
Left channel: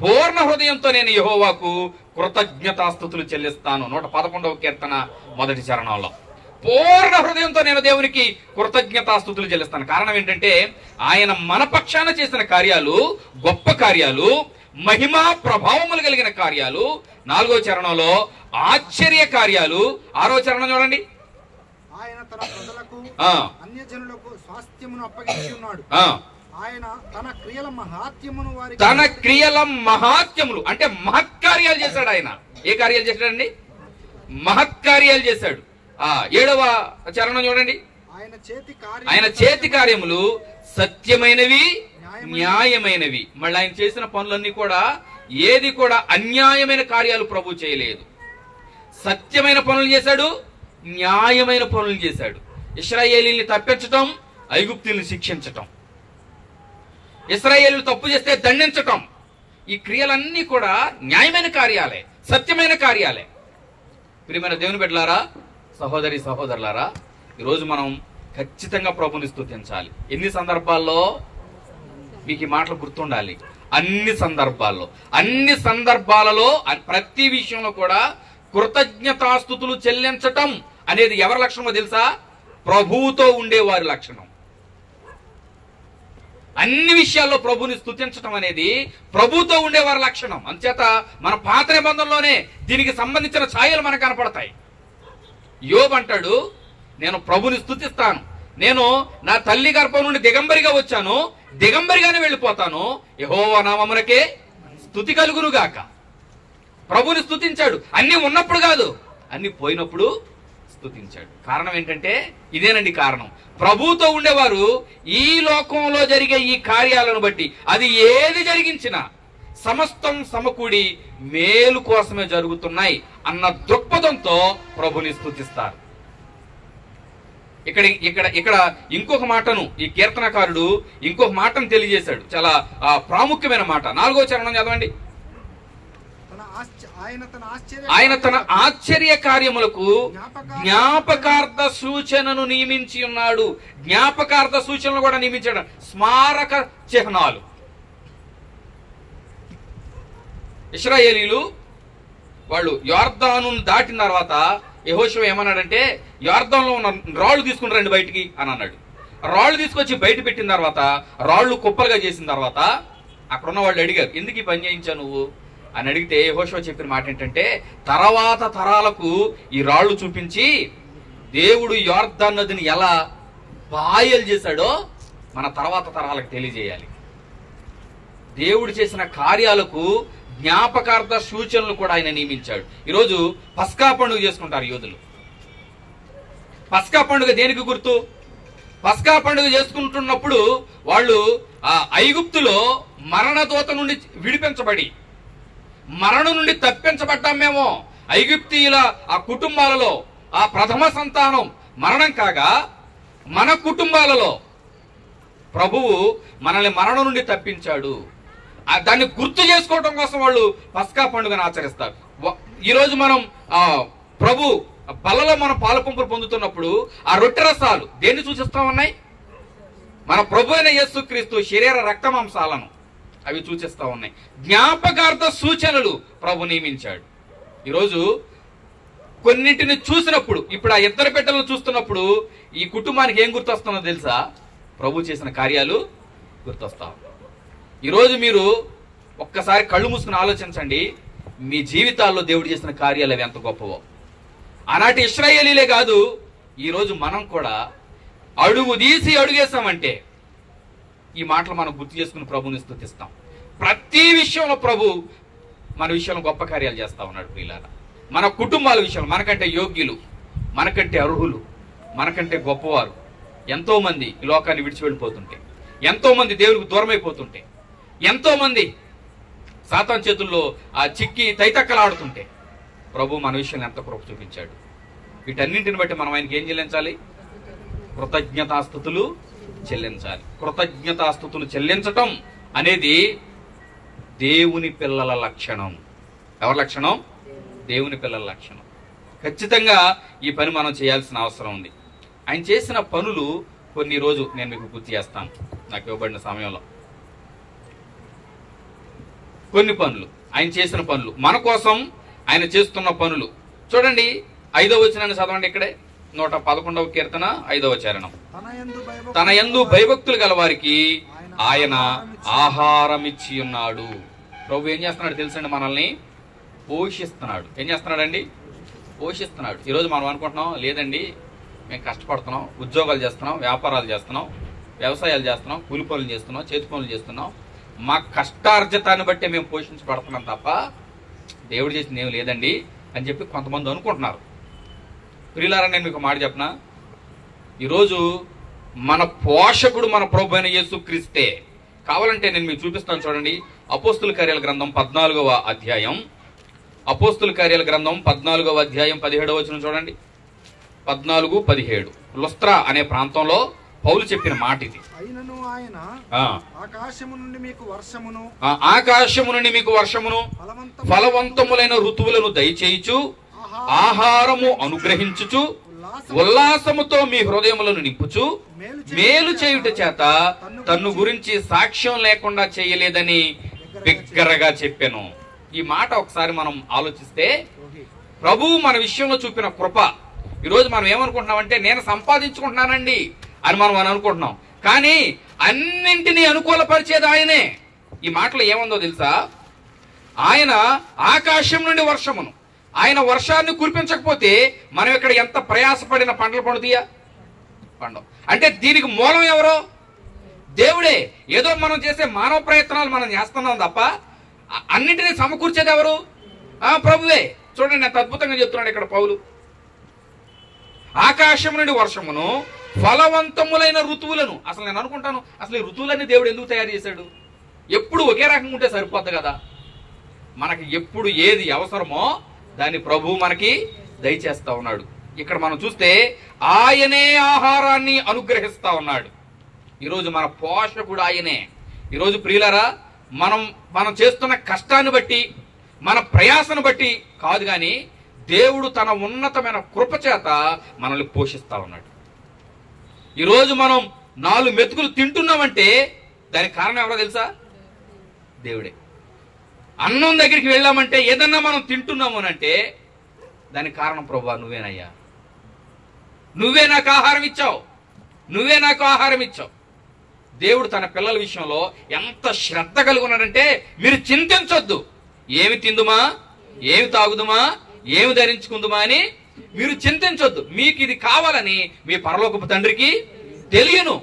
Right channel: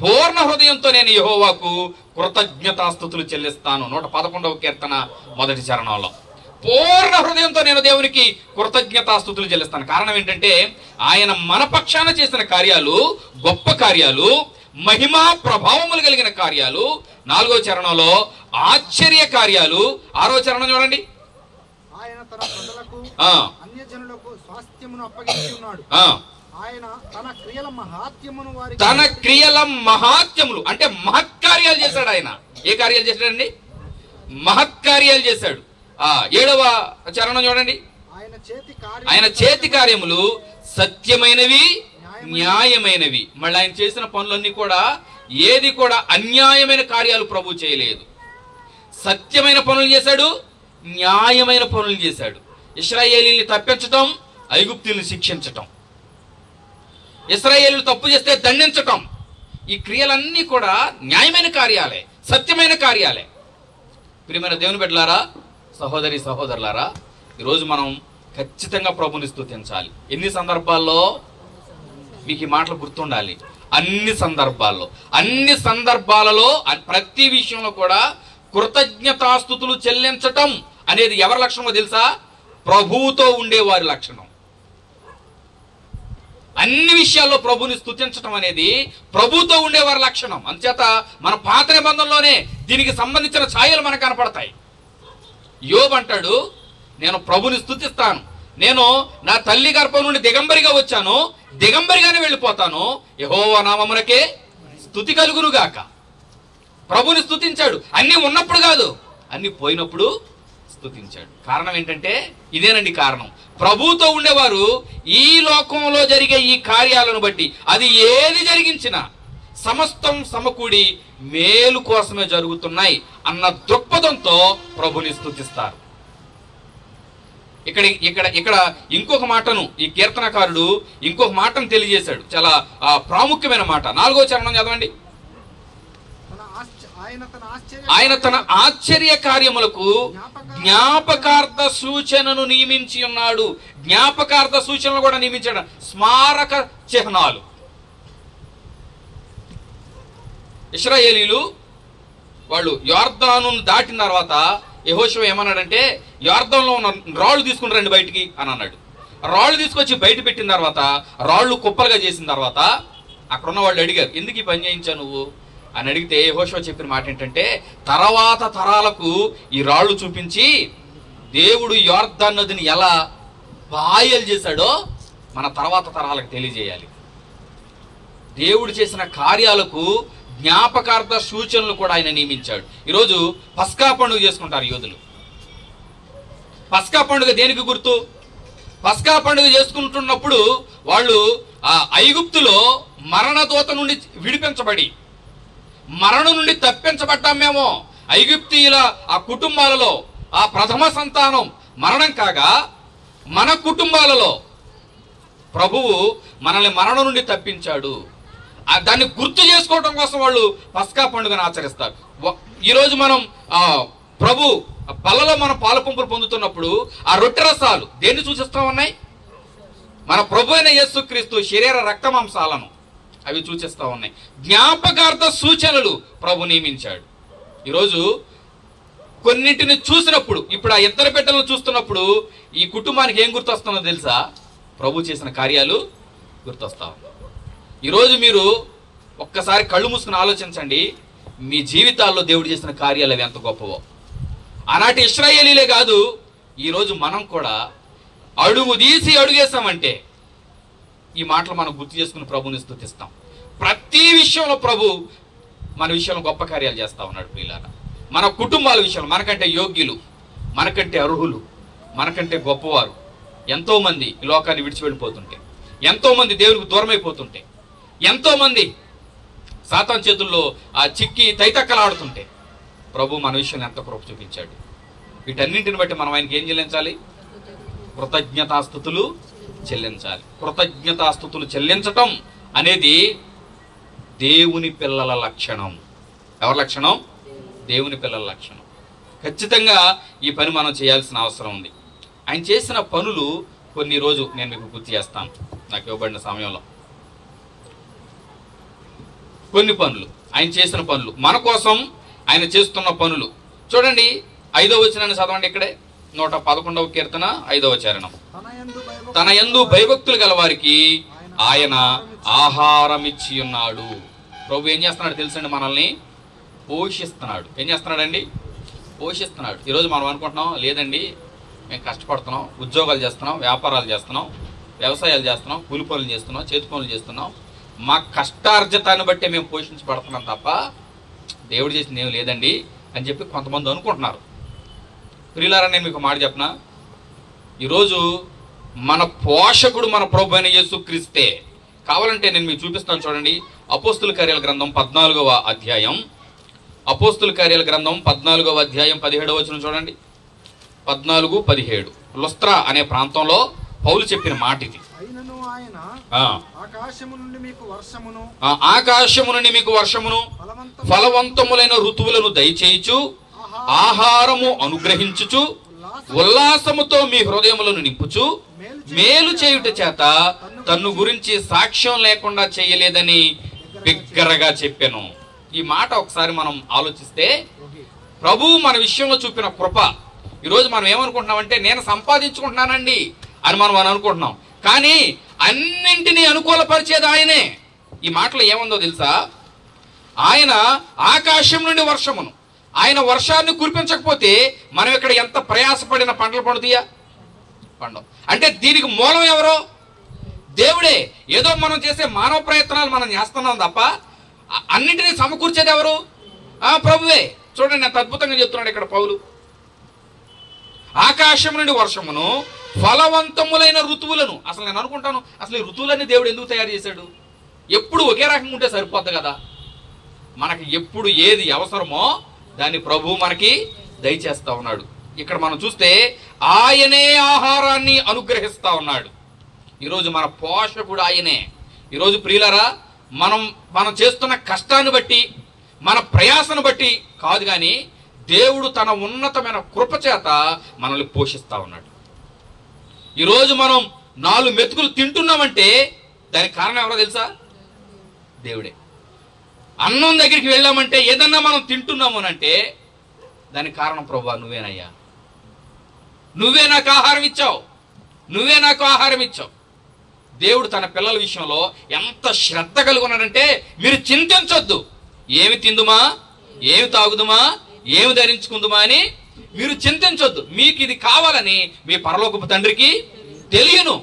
పూర్ణ హృదయంతో నేను యెహోవాకు కృతజ్ఞతాస్తుతులు చెల్లిస్తాను. 111వ కీర్తన మొదటి చరణంలో పూర్ణ హృదయంతో నేను దేవునికి కృతజ్ఞతాస్తుతులు చెల్లిస్తాను. కారణం ఏంటంటే ఆయన మన పక్షాన చేసిన కార్యాలు గొప్ప కార్యాలు, మహిమా ప్రభావములు కలిగిన కార్యాలు. 4వ చరణంలో ఆశ్చర్య కార్యాలు. 6వ చరణం చూడండి. తన క్రియల మహాత్యములు అంటే మహత్కార్యాలు చేశాడు ఆయన. ఏ కార్యాలు చేశాడండి? మహత్కార్యాలు చేశాడు. 7వ చరణం చూడండి. ఆయన చేతి కార్యములు సత్యమైనవి, న్యాయమైనవి. మళ్ళీ ఆయన చేసిన పనులన్నీ కూడా ఏది కూడా అన్యాయమైన కార్యాలు ప్రభు చేయలేదు. సత్యమైన పనులు చేశాడు, న్యాయమైన పనులు చేశాడు. ఇశ్రాయేలీని తప్పించటం, ఐగుప్తుల్ని శిక్షించటం, ఇశ్రాయేలీలు తప్పు చేస్తే దండించటం, ఈ క్రియలన్నీ కూడా న్యాయమైన కార్యాలే, సత్యమైన కార్యాలే. ప్రియమైన దేవుని బిడ్డలారా, సహోదరి సహోదరులారా, ఈరోజు మనం ఖచ్చితంగా ప్రభుని స్తుతించాలి. ఎన్ని సందర్భాల్లో మీకు ఈ మాటలు గుర్తుండాలి. అన్ని సందర్భాలలో ప్రతి విషయంలో కూడా కృతజ్ఞతాస్తుతులు చెల్లించటం అనేది ఎవరి లక్షణమో తెలుసా? ప్రభువుతో ఉండేవారి లక్షణం. అన్ని విషయాల్లో ప్రభుని స్తుతించటం అనేది ప్రభువుతో ఉండేవారి లక్షణం. అందుచేత మన పాత నిబంధనలోనే దీనికి సంబంధించిన ఛాయలు మనకు కనపడతాయి. యోబు అంటాడు, నేను ప్రభుని స్తుతిస్తాను, నేను నా తల్లి గర్భం నుండి దిగంబరిగా వచ్చాను, దిగంబరిగానే వెళ్ళిపోతాను, యెహోవా నామమునకే స్తుతి కలుగునుగాక. ప్రభుని స్తుతించాడు. అన్ని ఉన్నప్పుడు కాదు, అన్ని పోయినప్పుడు స్తుతించాడు. కారణం ఏంటంటే ఇదేనండి కారణం. ప్రభువుతో ఉండేవారు ఈ లోకంలో జరిగే ఈ కార్యాలను బట్టి, అది ఏది జరిగించినా సమస్తం సమకూడి మేలు కోసమే జరుగుతున్నాయి అన్న దృక్పథంతో ప్రభుని స్తుతిస్తారు. ఇక్కడ ఇక్కడ ఇక్కడ ఇంకొక మాటను ఈ కీర్తనకారుడు ఇంకొక మాటను తెలియజేశాడు, చాలా ప్రాముఖ్యమైన మాట. 4వ చరణం చదవండి. ఆయన తన ఆశ్చర్య కార్యములకు జ్ఞాపకార్థ సూచనను నియమించి ఉన్నాడు. జ్ఞాపకార్థ సూచనలు కూడా నియమించాడు, స్మారక చిహ్నాలు. ఇశ్రాయేలీలు వాళ్ళు యొర్దాను దాటిన తర్వాత యెహోషువ ఏమన్నాడంటే, యొర్దానులో ఉన్న రాళ్లు తీసుకుని రండి బయటికి అని అన్నాడు. రాళ్లు తీసుకొచ్చి బయట పెట్టిన తర్వాత రాళ్లు కుప్పలుగా చేసిన తర్వాత అక్కడ ఉన్న వాళ్ళు అడిగారు, ఎందుకు ఈ పని చేయించావు నువ్వు అని అడిగితే యెహోషువ చెప్పిన మాట ఏంటంటే, తర్వాత తరాలకు ఈ రాళ్లు చూపించి దేవుడు యొర్దాను నదిని ఎలా పాయలు చేశాడో మన తర్వాత తరాలకు తెలియజేయాలి. దేవుడు చేసిన కార్యాలకు జ్ఞాపకార్థ సూచనలు కూడా ఆయన నియమించాడు. ఈరోజు పస్కా పండుగ చేసుకుంటారు యూదులు. పస్కా పండుగ దేనికి గుర్తు? పస్కా పండుగ చేసుకుంటున్నప్పుడు వాళ్ళు ఆ ఐగుప్తులో మరణదూత నుండి విడిపించబడి, మరణం నుండి తప్పించబడ్డాం మేము. ఐగుప్తీయుల ఆ కుటుంబాలలో ఆ ప్రథమ సంతానం మరణం కాగా మన కుటుంబాలలో ప్రభువు మనల్ని మరణం నుండి తప్పించాడు. దాన్ని గుర్తు చేసుకోవడం కోసం వాళ్ళు పస్కా పండుగను ఆచరిస్తారు. ఈరోజు మనం ప్రభు బలలో మన పాలపంపులు పొందుతున్నప్పుడు ఆ రొట్టె రసాలు దేన్ని సూచిస్తా ఉన్నాయి? మన ప్రభు అయిన యేసుక్రీస్తు శరీర రక్త మాంసాలను అవి సూచిస్తా ఉన్నాయి. జ్ఞాపకార్థ సూచనలు ప్రభు నియమించాడు. ఈరోజు కొన్నింటిని చూసినప్పుడు, ఇప్పుడు ఆ ఇద్దరు బిడ్డలను చూస్తున్నప్పుడు ఈ కుటుంబానికి ఏం గుర్తొస్తుందో తెలుసా? ప్రభు చేసిన కార్యాలు గుర్తొస్తా. ఈరోజు మీరు ఒక్కసారి కళ్ళు మూసుకుని ఆలోచించండి, మీ జీవితాల్లో దేవుడు చేసిన కార్యాలు అవి ఎంత గొప్పవో. ఆనాటి ఇశ్రాయేలీలే కాదు, ఈరోజు మనం కూడా అడుగు తీసి అడుగేసామంటే ఈ మాటలు మనం గుర్తు చేసుకుని ప్రభుని స్తుతిస్తాం. ప్రతి విషయంలో ప్రభు మన విషయంలో గొప్ప కార్యాలు చేస్తా ఉన్నాడు. ప్రియులారా, మన కుటుంబాల విషయంలో మనకంటే యోగ్యులు, మనకంటే అర్హులు, మనకంటే గొప్పవారు ఎంతో మంది ఈ లోకాన్ని విడిచి వెళ్ళిపోతుంటే, ఎంతో మంది దేవునికి దూరం అయిపోతుంటే, ఎంతో మంది సాతాను చేతుల్లో ఆ చిక్కి తైతక్కలాడుతుంటే ప్రభు మన విషయంలో ఎంత కృప చూపించాడు. వీటన్నింటిని బట్టి మనం ఆయనకి ఏం చెల్లించాలి? కృతజ్ఞతాస్తుతులు చెల్లించాలి. కృతజ్ఞతాస్తుతులు చెల్లించటం అనేది దేవుని పిల్లల లక్షణం. ఎవరి లక్షణం? దేవుని పిల్లల లక్షణం. ఖచ్చితంగా ఈ పని మనం చేయాల్సిన అవసరం ఉంది. ఆయన చేసిన పనులు కొన్ని రోజు నేను మీకు గుర్తు చేస్తాను నాకు ఇవ్వబడిన సమయంలో. కొన్ని పనులు, ఆయన చేసిన పనులు, మన కోసం ఆయన చేస్తున్న పనులు చూడండి. 5వ వచనాన్ని చదవండి. ఇక్కడే 111వ కీర్తన 5వ చరణం. తన యందు భయభక్తులు గల వారికి ఆయన ఆహారం ఇచ్చి ఉన్నాడు. ప్రభు ఏం చేస్తున్నాడు తెలుసండి? మనల్ని పోషిస్తున్నాడు. ఏం చేస్తున్నాడండి? పోషిస్తున్నాడు. ఈరోజు మనం అనుకుంటున్నాం, లేదండి మేము కష్టపడుతున్నాం, ఉద్యోగాలు చేస్తున్నాం, వ్యాపారాలు చేస్తున్నాం, వ్యవసాయాలు చేస్తున్నాం, కూలి పనులు చేస్తున్నాం, చేతి పనులు చేస్తున్నాం, మా కష్టార్జితాన్ని బట్టే మేము పోషించబడుతున్నాం తప్ప దేవుడు చేసింది ఏమి లేదండి అని చెప్పి కొంతమంది అనుకుంటున్నారు. ప్రియులారా, నేను మీకు మాట చెప్పనా, ఈరోజు మన పోషకుడు మన ప్రభు అయిన యేసుక్రీస్తే. కావాలంటే నేను మీకు చూపిస్తాను చూడండి. అపోస్తుల కార్యాల గ్రంథం 14వ అధ్యాయం, అపోస్తుల కార్యాల గ్రంథం 14వ అధ్యాయం 17వ వచనం చూడండి. 14:17 లుస్త్రా అనే ప్రాంతంలో పౌలు చెప్పిన మాట ఇది. ఆకాశము నుండి మీకు వర్షమును ఫలవంతములైన ఋతువులను దయచేయుచు ఆహారము అనుగ్రహించుచు ఉల్లాసముతో మీ హృదయములను నింపుచు మేలు చేయుట చేత తన్ను గురించి సాక్ష్యం లేకుండా చేయలేదని బిగ్గరగా చెప్పాను. ఈ మాట ఒకసారి మనం ఆలోచిస్తే ప్రభువు మన విషయంలో చూపిన కృప. ఈరోజు మనం ఏమనుకుంటున్నామంటే, నేను సంపాదించుకుంటున్నానండి అని మనం అనుకుంటున్నాం, కానీ అన్నింటినీ అనుకూలపరిచేది ఆయనే. ఈ మాటలో ఏముందో తెలుసా? ఆయన ఆకాశం నుండి వర్షమును, ఆయన వర్షాన్ని కురిపించకపోతే మనం ఇక్కడ ఎంత ప్రయాసపడిన పంటలు పండుతాయా? పండవు. అంటే దీనికి మూలం ఎవరో? దేవుడే. ఏదో మనం చేసే మానవ ప్రయత్నాలు మనం చేస్తున్నాం తప్ప అన్నింటినీ సమకూర్చేది ఎవరు? ప్రభువే. చూడండి ఎంత అద్భుతంగా చెప్తున్నాడు ఇక్కడ పౌలు. ఆకాశం నుండి వర్షమును ఫలవంతములైన ఋతువులను. అసలు నేను అనుకుంటాను, అసలు ఈ ఋతువులన్నీ దేవుడు ఎందుకు తయారు చేశాడు? ఎప్పుడు ఒకే రకంగా ఉంటే సరిపోద్ది కదా. మనకి ఎప్పుడు ఏది అవసరమో దాన్ని ప్రభువు మనకి దయచేస్తా ఉన్నాడు. ఇక్కడ మనం చూస్తే ఆయనే ఆహారాన్ని అనుగ్రహిస్తా ఉన్నాడు. ఈరోజు మన పోషకుడు ఆయనే. ఈరోజు ప్రియులారా, మనం చేస్తున్న కష్టాన్ని బట్టి, మన ప్రయాసను బట్టి కాదు, కానీ దేవుడు తన ఉన్నతమైన కృప చేత మనల్ని పోషిస్తా ఉన్నాడు. ఈరోజు మనం 4 మెతుకులు తింటున్నామంటే దానికి కారణం ఎవరో తెలుసా? దేవుడే. అన్నం దగ్గరికి వెళ్ళామంటే, ఏదన్నా మనం తింటున్నాము అంటే దానికి కారణం ప్రభువా నువ్వేనయ్యా, నువ్వే నాకు ఆహారం ఇచ్చావు, నువ్వే నాకు ఆహారం ఇచ్చావు. దేవుడు తన పిల్లల విషయంలో ఎంత శ్రద్ధ కలిగి ఉన్నాడంటే, మీరు చింతించొద్దు, ఏమి తిందుమా, ఏమి తాగుదుమా, ఏమి ధరించుకుందుమా అని మీరు చింతించొద్దు. మీకు ఇది కావాలని మీ పరలోకపు తండ్రికి తెలియను.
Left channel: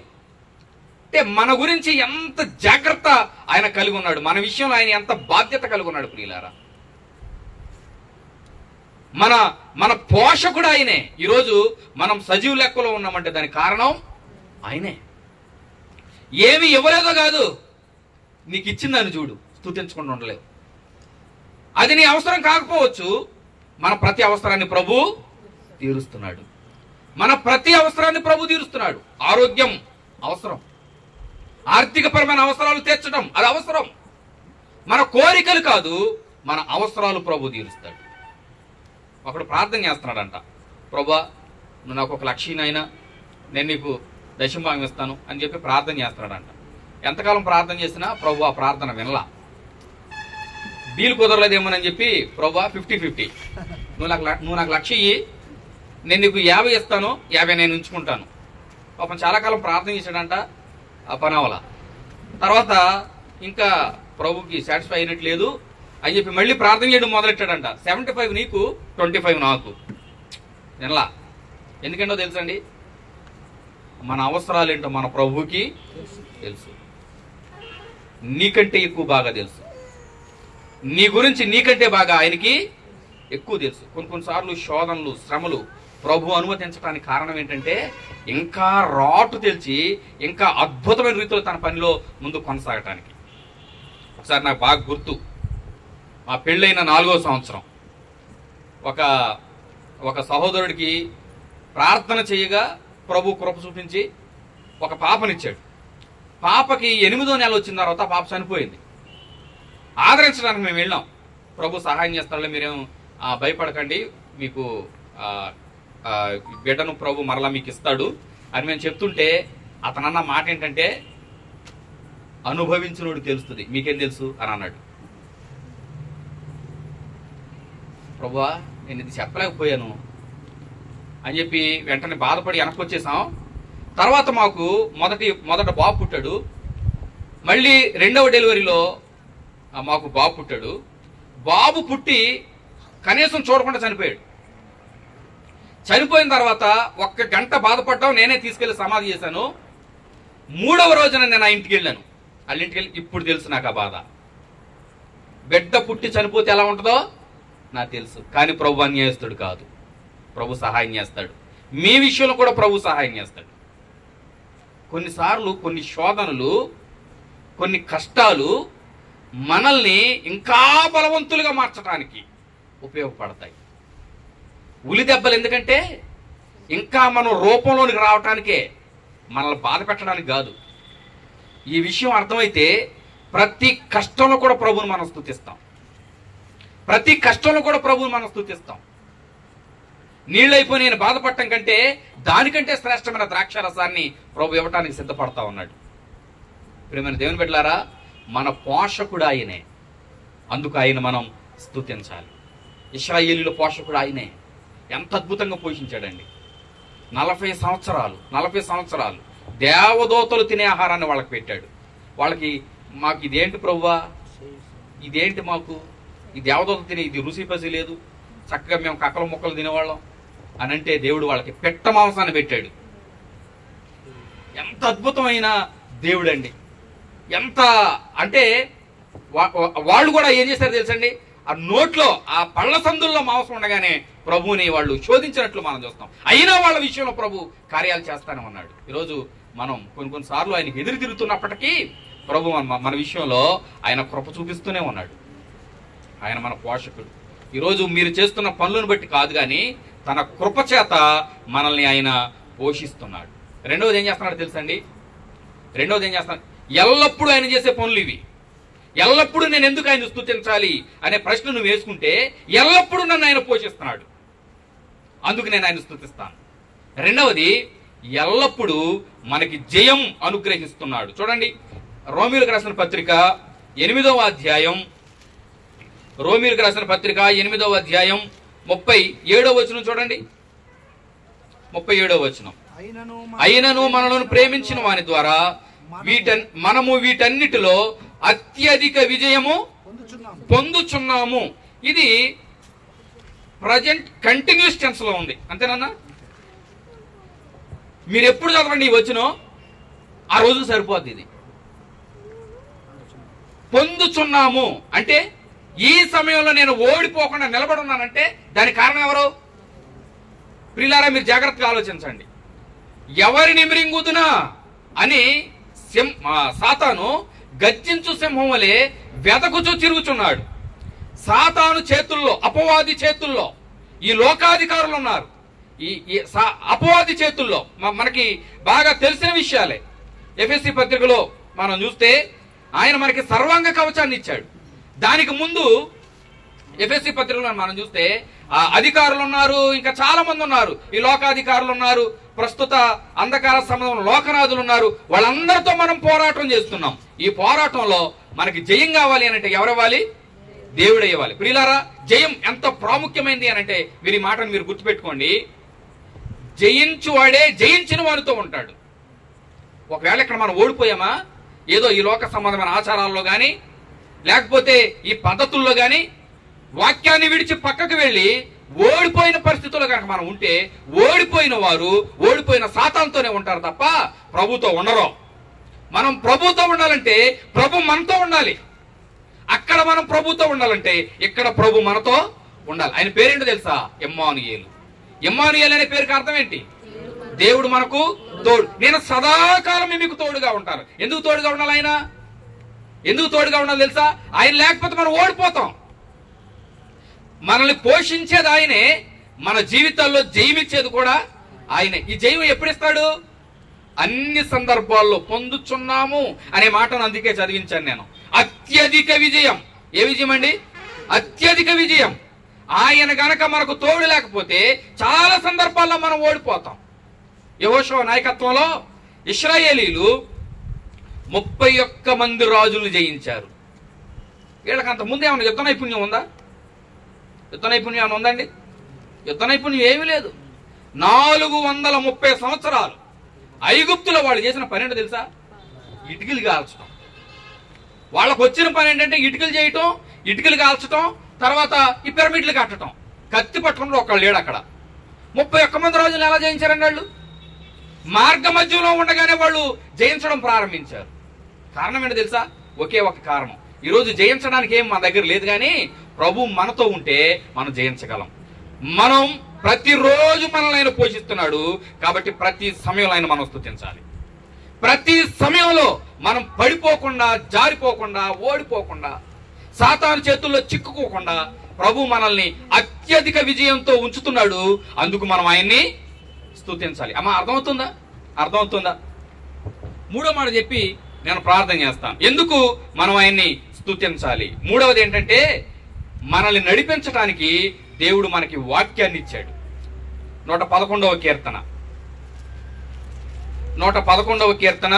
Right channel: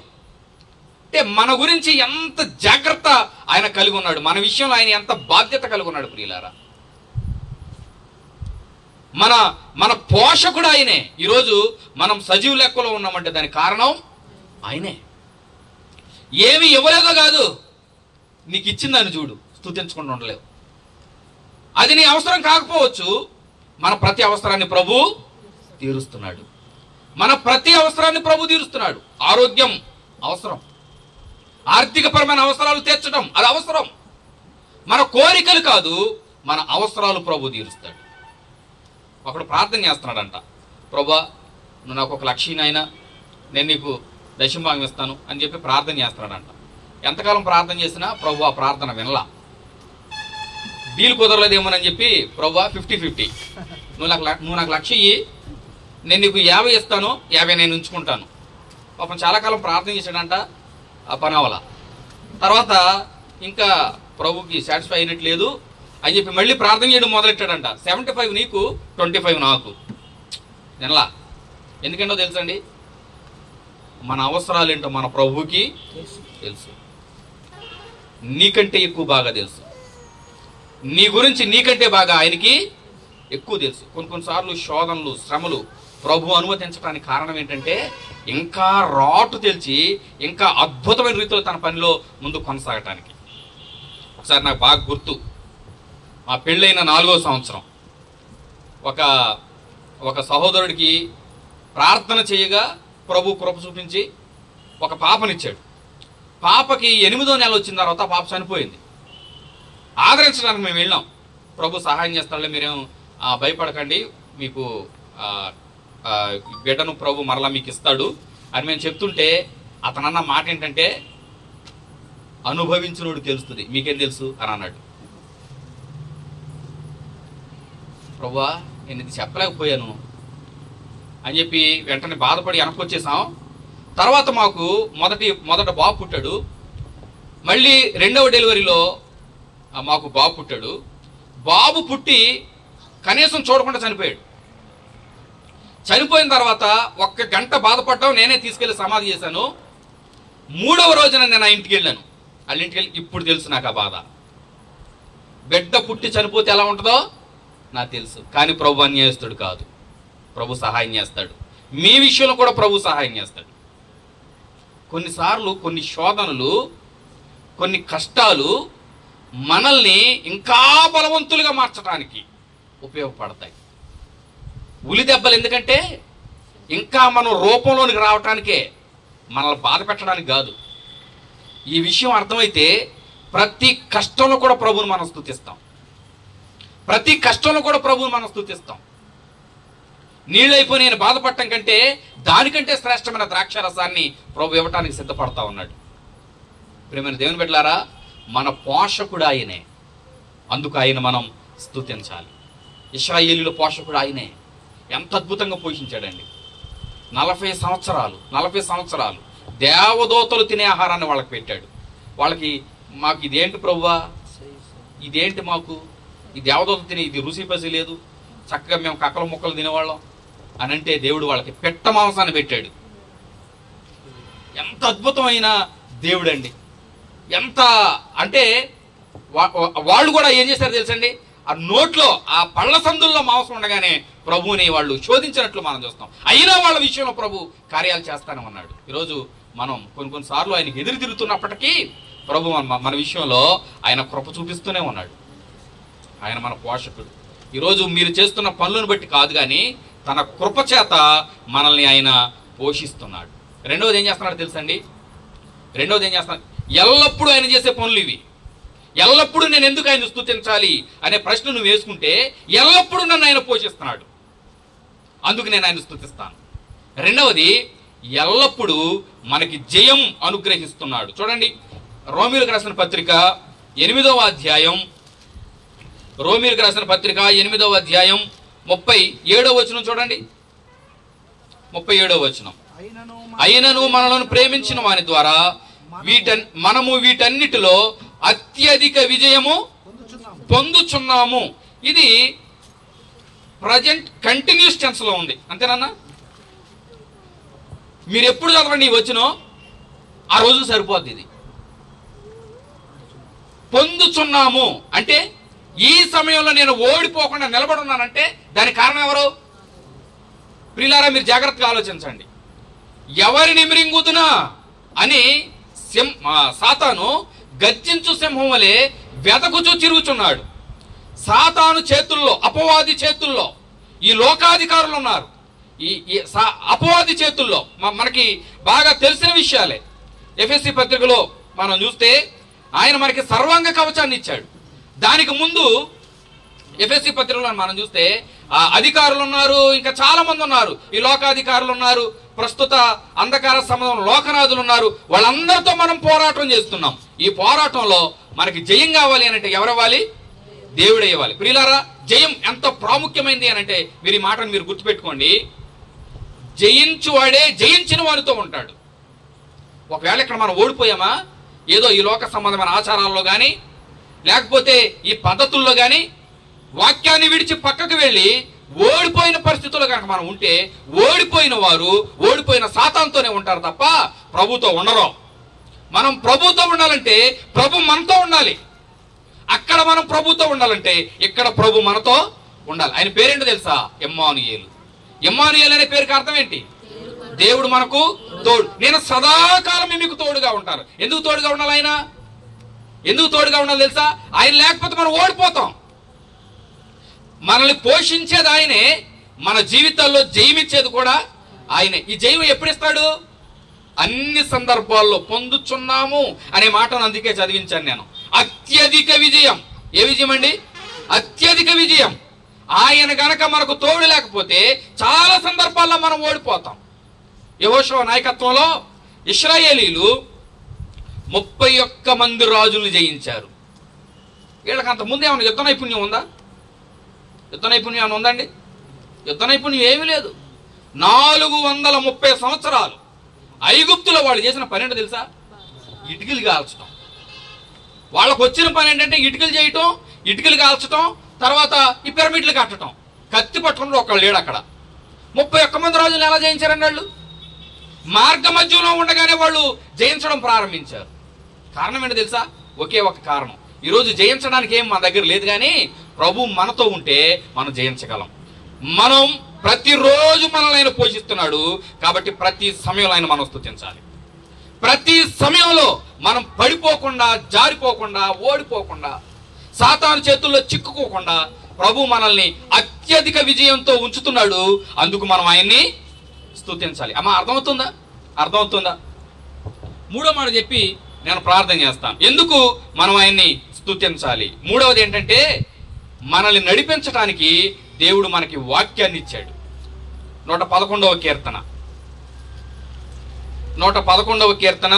అంటే మన గురించి ఎంత జాగ్రత్త ఆయన కలిగి ఉన్నాడు, మన విషయంలో ఆయన ఎంత బాధ్యత కలిగి ఉన్నాడు ప్రియులారా. మన పోషకుడు ఆయనే. ఈరోజు మనం సజీవ లెక్కలో ఉన్నామంటే దానికి కారణం ఆయనే. ఏమి ఇవ్వలేదో కాదు, నీకు ఇచ్చిందని చూడు, స్తుతించకుండా ఉండలేవు. అది నీ అవసరం కాకపోవచ్చు, మన ప్రతి అవసరాన్ని ప్రభు తీరుస్తున్నాడు. మన ప్రతి అవసరాన్ని ప్రభు తీరుస్తున్నాడు. ఆరోగ్యం అవసరం, ఆర్థికపరమైన అవసరాలు తీర్చడం అది అవసరం. మన కోరికలు కాదు, మన అవసరాలు ప్రభు తీరుస్తాడు. ఒకడు ప్రార్థన చేస్తున్నాడంట, ప్రభా నువ్వు నాకు 1 లక్ష అయినా నేను నీకు దశంభాగం ఇస్తాను అని చెప్పి ప్రార్థన చేస్తున్నాడంట. ఎంతకాలం ప్రార్థన చేసినా ప్రభు ఆ ప్రార్థన వినలా. డీల్ కుదరలేదేమోనని చెప్పి ప్రభు 50-50 నువ్వు నాకు 1 లక్ష ఇయ్యి, నేను నీకు 50 ఇస్తాను, 50 నేను ఉంచుకుంటాను. పాపం చాలా కాలం ప్రార్థన చేశాడంట, ఆ పని అవలా. తర్వాత ఇంకా ప్రభుకి సాటిస్ఫై అయినట్టు లేదు అని చెప్పి మళ్ళీ ప్రార్థన చేయడం మొదలెట్టాడంట. 75 నీకు, 25 నాకు. వినలా. ఎందుకంటో తెలుసండి, మన అవసరాలు ఏంటో మన ప్రభుకి తెలుసు. నీకంటే ఎక్కువ బాగా తెలుసు. నీ గురించి నీకంటే బాగా ఆయనకి ఎక్కువ తెలుసు. కొన్నిసార్లు శోధనలు, శ్రమలు ప్రభు అనుమతించడానికి కారణం ఏంటంటే, ఇంకా రాటు తెలిసి ఇంకా అద్భుతమైన రీతిలో తన పనిలో ముందు కొనసాగటానికి. ఒకసారి నాకు బాగా గుర్తు, మా పెళ్ళైన 4వ సంవత్సరం ఒక సహోదరుడికి ప్రార్థన చేయగా ప్రభు కృప చూపించి ఒక పాపనిచ్చాడు. పాపకి 8వ నెల వచ్చిన తర్వాత పాప చనిపోయింది. ఆదరించడానికి మేము వెళ్ళాం. ప్రభు సహాయం చేస్తాడులే, మీరేం భయపడకండి, మీకు బిడ్డను ప్రభు మరలా మీకు ఇస్తాడు అని మేము చెప్తుంటే అతనన్న మాట ఏంటంటే, అనుభవించినోడు తెలుస్తుంది, మీకేం తెలుసు అని అన్నాడు. ప్రభువా నేను ఇది చెప్పలేకపోయాను అని చెప్పి వెంటనే బాధపడి వెనక్కొచ్చేసాం. తర్వాత మాకు మొదట బాబు పుట్టాడు. మళ్ళీ 2వ డెలివరీలో మాకు బాబు పుట్టాడు. బాబు పుట్టి కనీసం చూడకుండా చనిపోయాడు. చనిపోయిన తర్వాత 1 గంట బాధపడ్డాం, నేనే తీసుకెళ్లి సమాధి చేశాను. 3వ రోజున నేను ఆ ఇంటికి వెళ్ళాను. వాళ్ళ ఇంటికి వెళ్ళి ఇప్పుడు తెలుసు నాకు ఆ బాధ. బిడ్డ పుట్టి చనిపోతే ఎలా ఉంటుందో నాకు తెలుసు. కానీ ప్రభు అన్యాయస్తుడు కాదు, ప్రభు సహాయం చేస్తాడు. మీ విషయంలో కూడా ప్రభు సహాయం చేస్తాడు. కొన్నిసార్లు కొన్ని శోధనలు, కొన్ని కష్టాలు మనల్ని ఇంకా బలవంతులుగా మార్చడానికి ఉపయోగపడతాయి. ఉలి దెబ్బలు ఎందుకంటే ఇంకా మనం రూపంలోనికి రావటానికే, మనల్ని బాధ పెట్టడానికి కాదు. ఈ విషయం అర్థమైతే ప్రతి కష్టంలో కూడా ప్రభువుని మనం స్తుతిస్తాం. ప్రతి కష్టంలో కూడా ప్రభువుని మనం స్తుతిస్తాం. నీళ్ళైపోయి నేను బాధపడటం కంటే దానికంటే శ్రేష్టమైన ద్రాక్షరసాన్ని ప్రభు ఇవ్వటానికి సిద్ధపడతా ఉన్నాడు. ప్రియమైన దేవుని బిడ్డలారా, మన పోషకుడు ఆయనే, అందుకు ఆయన మనం స్తుతించాలి. ఇశ్రాయేలీయుల పోషకుడు ఆయనే. ఎంత అద్భుతంగా పోషించాడండి. 40 సంవత్సరాలు దేవదూతలు తినే ఆహారాన్ని వాళ్ళకి పెట్టాడు. వాళ్ళకి మాకు ఇదేంటి ప్రభువా, ఇదేంటి మాకు ఈ దేవదూతలు తినే ఇది రుచి పసి లేదు, చక్కగా మేము కక్కల ముక్కలు తినేవాళ్ళం అని అంటే దేవుడు వాళ్ళకి పెట్ట మాంసాన్ని పెట్టాడు. ఎంత అద్భుతమైన దేవుడు అండి. ఎంత అంటే వాళ్ళు కూడా ఏం చేశారు తెలుసండి, ఆ నోట్లో ఆ పళ్ళ సందుల్లో మాంసం ఉండగానే ప్రభువుని వాళ్ళు శోధించినట్లు మనం చూస్తాం. అయినా వాళ్ళ విషయంలో ప్రభు కార్యాలు చేస్తానే ఉన్నాడు. ఈరోజు మనం కొన్నిసార్లు ఆయనకి ఎదురు తిరుగుతున్నప్పటికీ ప్రభు మన విషయంలో ఆయన కృప చూపిస్తూనే ఉన్నాడు. ఆయన మన పోషకుడు. ఈరోజు మీరు చేస్తున్న పనులను బట్టి కాదు, కానీ తన కృప చేత మనల్ని ఆయన పోషిస్తున్నాడు. రెండవది ఏం చేస్తున్నాడు తెలుసండి? రెండవది ఏం చేస్తున్నాడు? ఎల్లప్పుడూ ఆయన చేసే పనులు ఇవి. ఎల్లప్పుడూ నేను ఎందుకు ఆయన స్తుతించాలి అనే ప్రశ్న నువ్వు వేసుకుంటే, ఎల్లప్పుడూ నన్ను ఆయన పోషిస్తున్నాడు, అందుకు నేను ఆయన స్తుతిస్తాను. రెండవది, ఎల్లప్పుడూ మనకి జయం అనుగ్రహిస్తున్నాడు. చూడండి, రోమీయులకు రాసిన పత్రిక 8వ అధ్యాయం, రోమీయులకు రాసిన పత్రిక 8వ అధ్యాయం 37వ వచనం చూడండి. 37వ వచనం, అయినను మనలను ప్రేమించిన వాని ద్వారా మనము వీటన్నిటిలో అత్యధిక విజయము పొందుచున్నాము. ఇది ప్రజెంట్ కంటిన్యూస్ టెన్స్ లో ఉంది, అంతేనన్నా? మీరు ఎప్పుడు చదవండి ఈ వచనం, ఆ రోజు సరిపోద్ది. ఇది పొందుచున్నాము అంటే ఈ సమయంలో నేను ఓడిపోకుండా నిలబడున్నానంటే దానికి కారణం ఎవరు? ప్రియులారా, మీరు జాగ్రత్తగా ఆలోచించండి. ఎవరిని మృంగుదునా అని సాతాను గర్జించు సింహం వలె వెదకుచూ తిరుగుచున్నాడు. సాతాను చేతుల్లో, అపవాది చేతుల్లో ఈ లోకాధికారులు ఉన్నారు. ఈ అపవాది చేతుల్లో మనకి బాగా తెలిసిన విషయాలే. ఎఫెసీ పత్రికలో మనం చూస్తే ఆయన మనకి సర్వాంగ కవచాన్ని ఇచ్చాడు. దానికి ముందు ఎఫెసీ పత్రికలో మనం చూస్తే అధికారులు ఉన్నారు, ఇంకా చాలా మంది ఉన్నారు. ఈ లోకాధికారులు ఉన్నారు, ప్రస్తుత అంధకార సంబంధం లోకనాథులు ఉన్నారు. వాళ్ళందరితో మనం పోరాటం చేస్తున్నాం. ఈ పోరాటంలో మనకి జయం కావాలి అని అంటే ఎవరివ్వాలి? దేవుడే ఇవ్వాలి. ప్రియులారా, జయం ఎంత ప్రాముఖ్యమైంది అని అంటే మీరు ఈ మాటను మీరు గుర్తుపెట్టుకోండి. జయించువాడే జయించిన వారితో ఉంటాడు. ఒకవేళ ఇక్కడ మనం ఓడిపోయామా, ఏదో ఈ లోక సంబంధమైన ఆచారాల్లో కానీ లేకపోతే ఈ పద్ధతుల్లో కానీ వాక్యాన్ని విడిచి పక్కకు వెళ్ళి ఓడిపోయిన పరిస్థితుల్లో కనుక మనం ఉంటే, ఓడిపోయిన వారు ఓడిపోయిన సాతానుతోనే ఉంటారు తప్ప ప్రభుతో ఉండరు. మనం ప్రభుతో ఉండాలంటే ప్రభు మనతో ఉండాలి. అక్కడ మనం ప్రభుతో ఉండాలంటే ఇక్కడ ప్రభు మనతో ఉండాలి. ఆయన పేరేంటో తెలుసా? ఇమ్మానుయేలు. ఇమ్మానుయేలు అనే పేరుకి అర్థం ఏంటి? దేవుడు మనకు తోడు. నేను సదాకాలం మీకు తోడుగా ఉంటాను. ఎందుకు తోడుగా ఉండాలి? ఆయన ఎందుకు తోడుగా ఉండాలి తెలుసా? ఆయన లేకపోతే మనం ఓడిపోతాం. మనల్ని పోషించేది ఆయనే, మన జీవితాల్లో జయమిచ్చేది కూడా ఆయనే. ఈ జయం ఎప్పుడు ఇస్తాడు? అన్ని సందర్భాల్లో పొందుచున్నాము అనే మాటను అందుకే చదివించాను నేను. అత్యధిక విజయం. ఏ విజయం అండి? అత్యధిక విజయం. ఆయన గనక మనకు తోడు లేకపోతే చాలా సందర్భాల్లో మనం ఓడిపోతాం. యెహోషువ నాయకత్వంలో ఇశ్రాయేలీలు 31 మంది రాజులను జయించారు. వీళ్ళకి అంత ముందు ఏమన్నా యుద్ధ నైపుణ్యం ఉందా? యుద్ధ నైపుణ్యం ఏమైనా ఉందండి? యుద్ధ నైపుణ్యం ఏమీ లేదు. 430 సంవత్సరాలు ఐగుప్తులో వాళ్ళు చేసిన పని ఏంటో తెలుసా? ఇటుకలు కాల్చడం. వాళ్ళకు వచ్చిన పని ఏంటంటే ఇటుకలు చేయటం, ఇటుకలు కాల్చటం, తర్వాత ఈ పిరమిడ్లు కట్టడం. కత్తి పట్టుకుంటే ఒకళ్ళు లేడు అక్కడ. 31 మంది రాజులు ఎలా జయించారండి వాళ్ళు? మార్గ మధ్యంలో ఉండగానే వాళ్ళు జయించడం ప్రారంభించారు. కారణం ఏంటో తెలుసా? ఒకే ఒక కారణం. ఈరోజు జయించడానికి ఏం మన దగ్గర లేదు, కానీ ప్రభు మనతో ఉంటే మనం జయించగలం. మనం ప్రతిరోజు మనల్ని ఆయన పోషిస్తున్నాడు కాబట్టి ప్రతి సమయంలో ఆయన మనం స్తుతించాలి. ప్రతి సమయంలో మనం పడిపోకుండా, జారిపోకుండా, ఓడిపోకుండా, సాతాను చేతుల్లో చిక్కుకోకుండా ప్రభు మనల్ని అత్యధిక విజయంతో ఉంచుతున్నాడు. అందుకు మనం ఆయన్ని స్తుతించాలి. అమ్మా, అర్థమవుతుందా? అర్థమవుతుందా? మూడో మాట చెప్పి నేను ప్రార్థన చేస్తాను. ఎందుకు మనం ఆయన్ని స్తుతించాలి? మూడవది ఏంటంటే, మనల్ని నడిపించడానికి దేవుడు మనకి వాక్యాన్ని ఇచ్చాడు. 111వ కీర్తన 111వ కీర్తన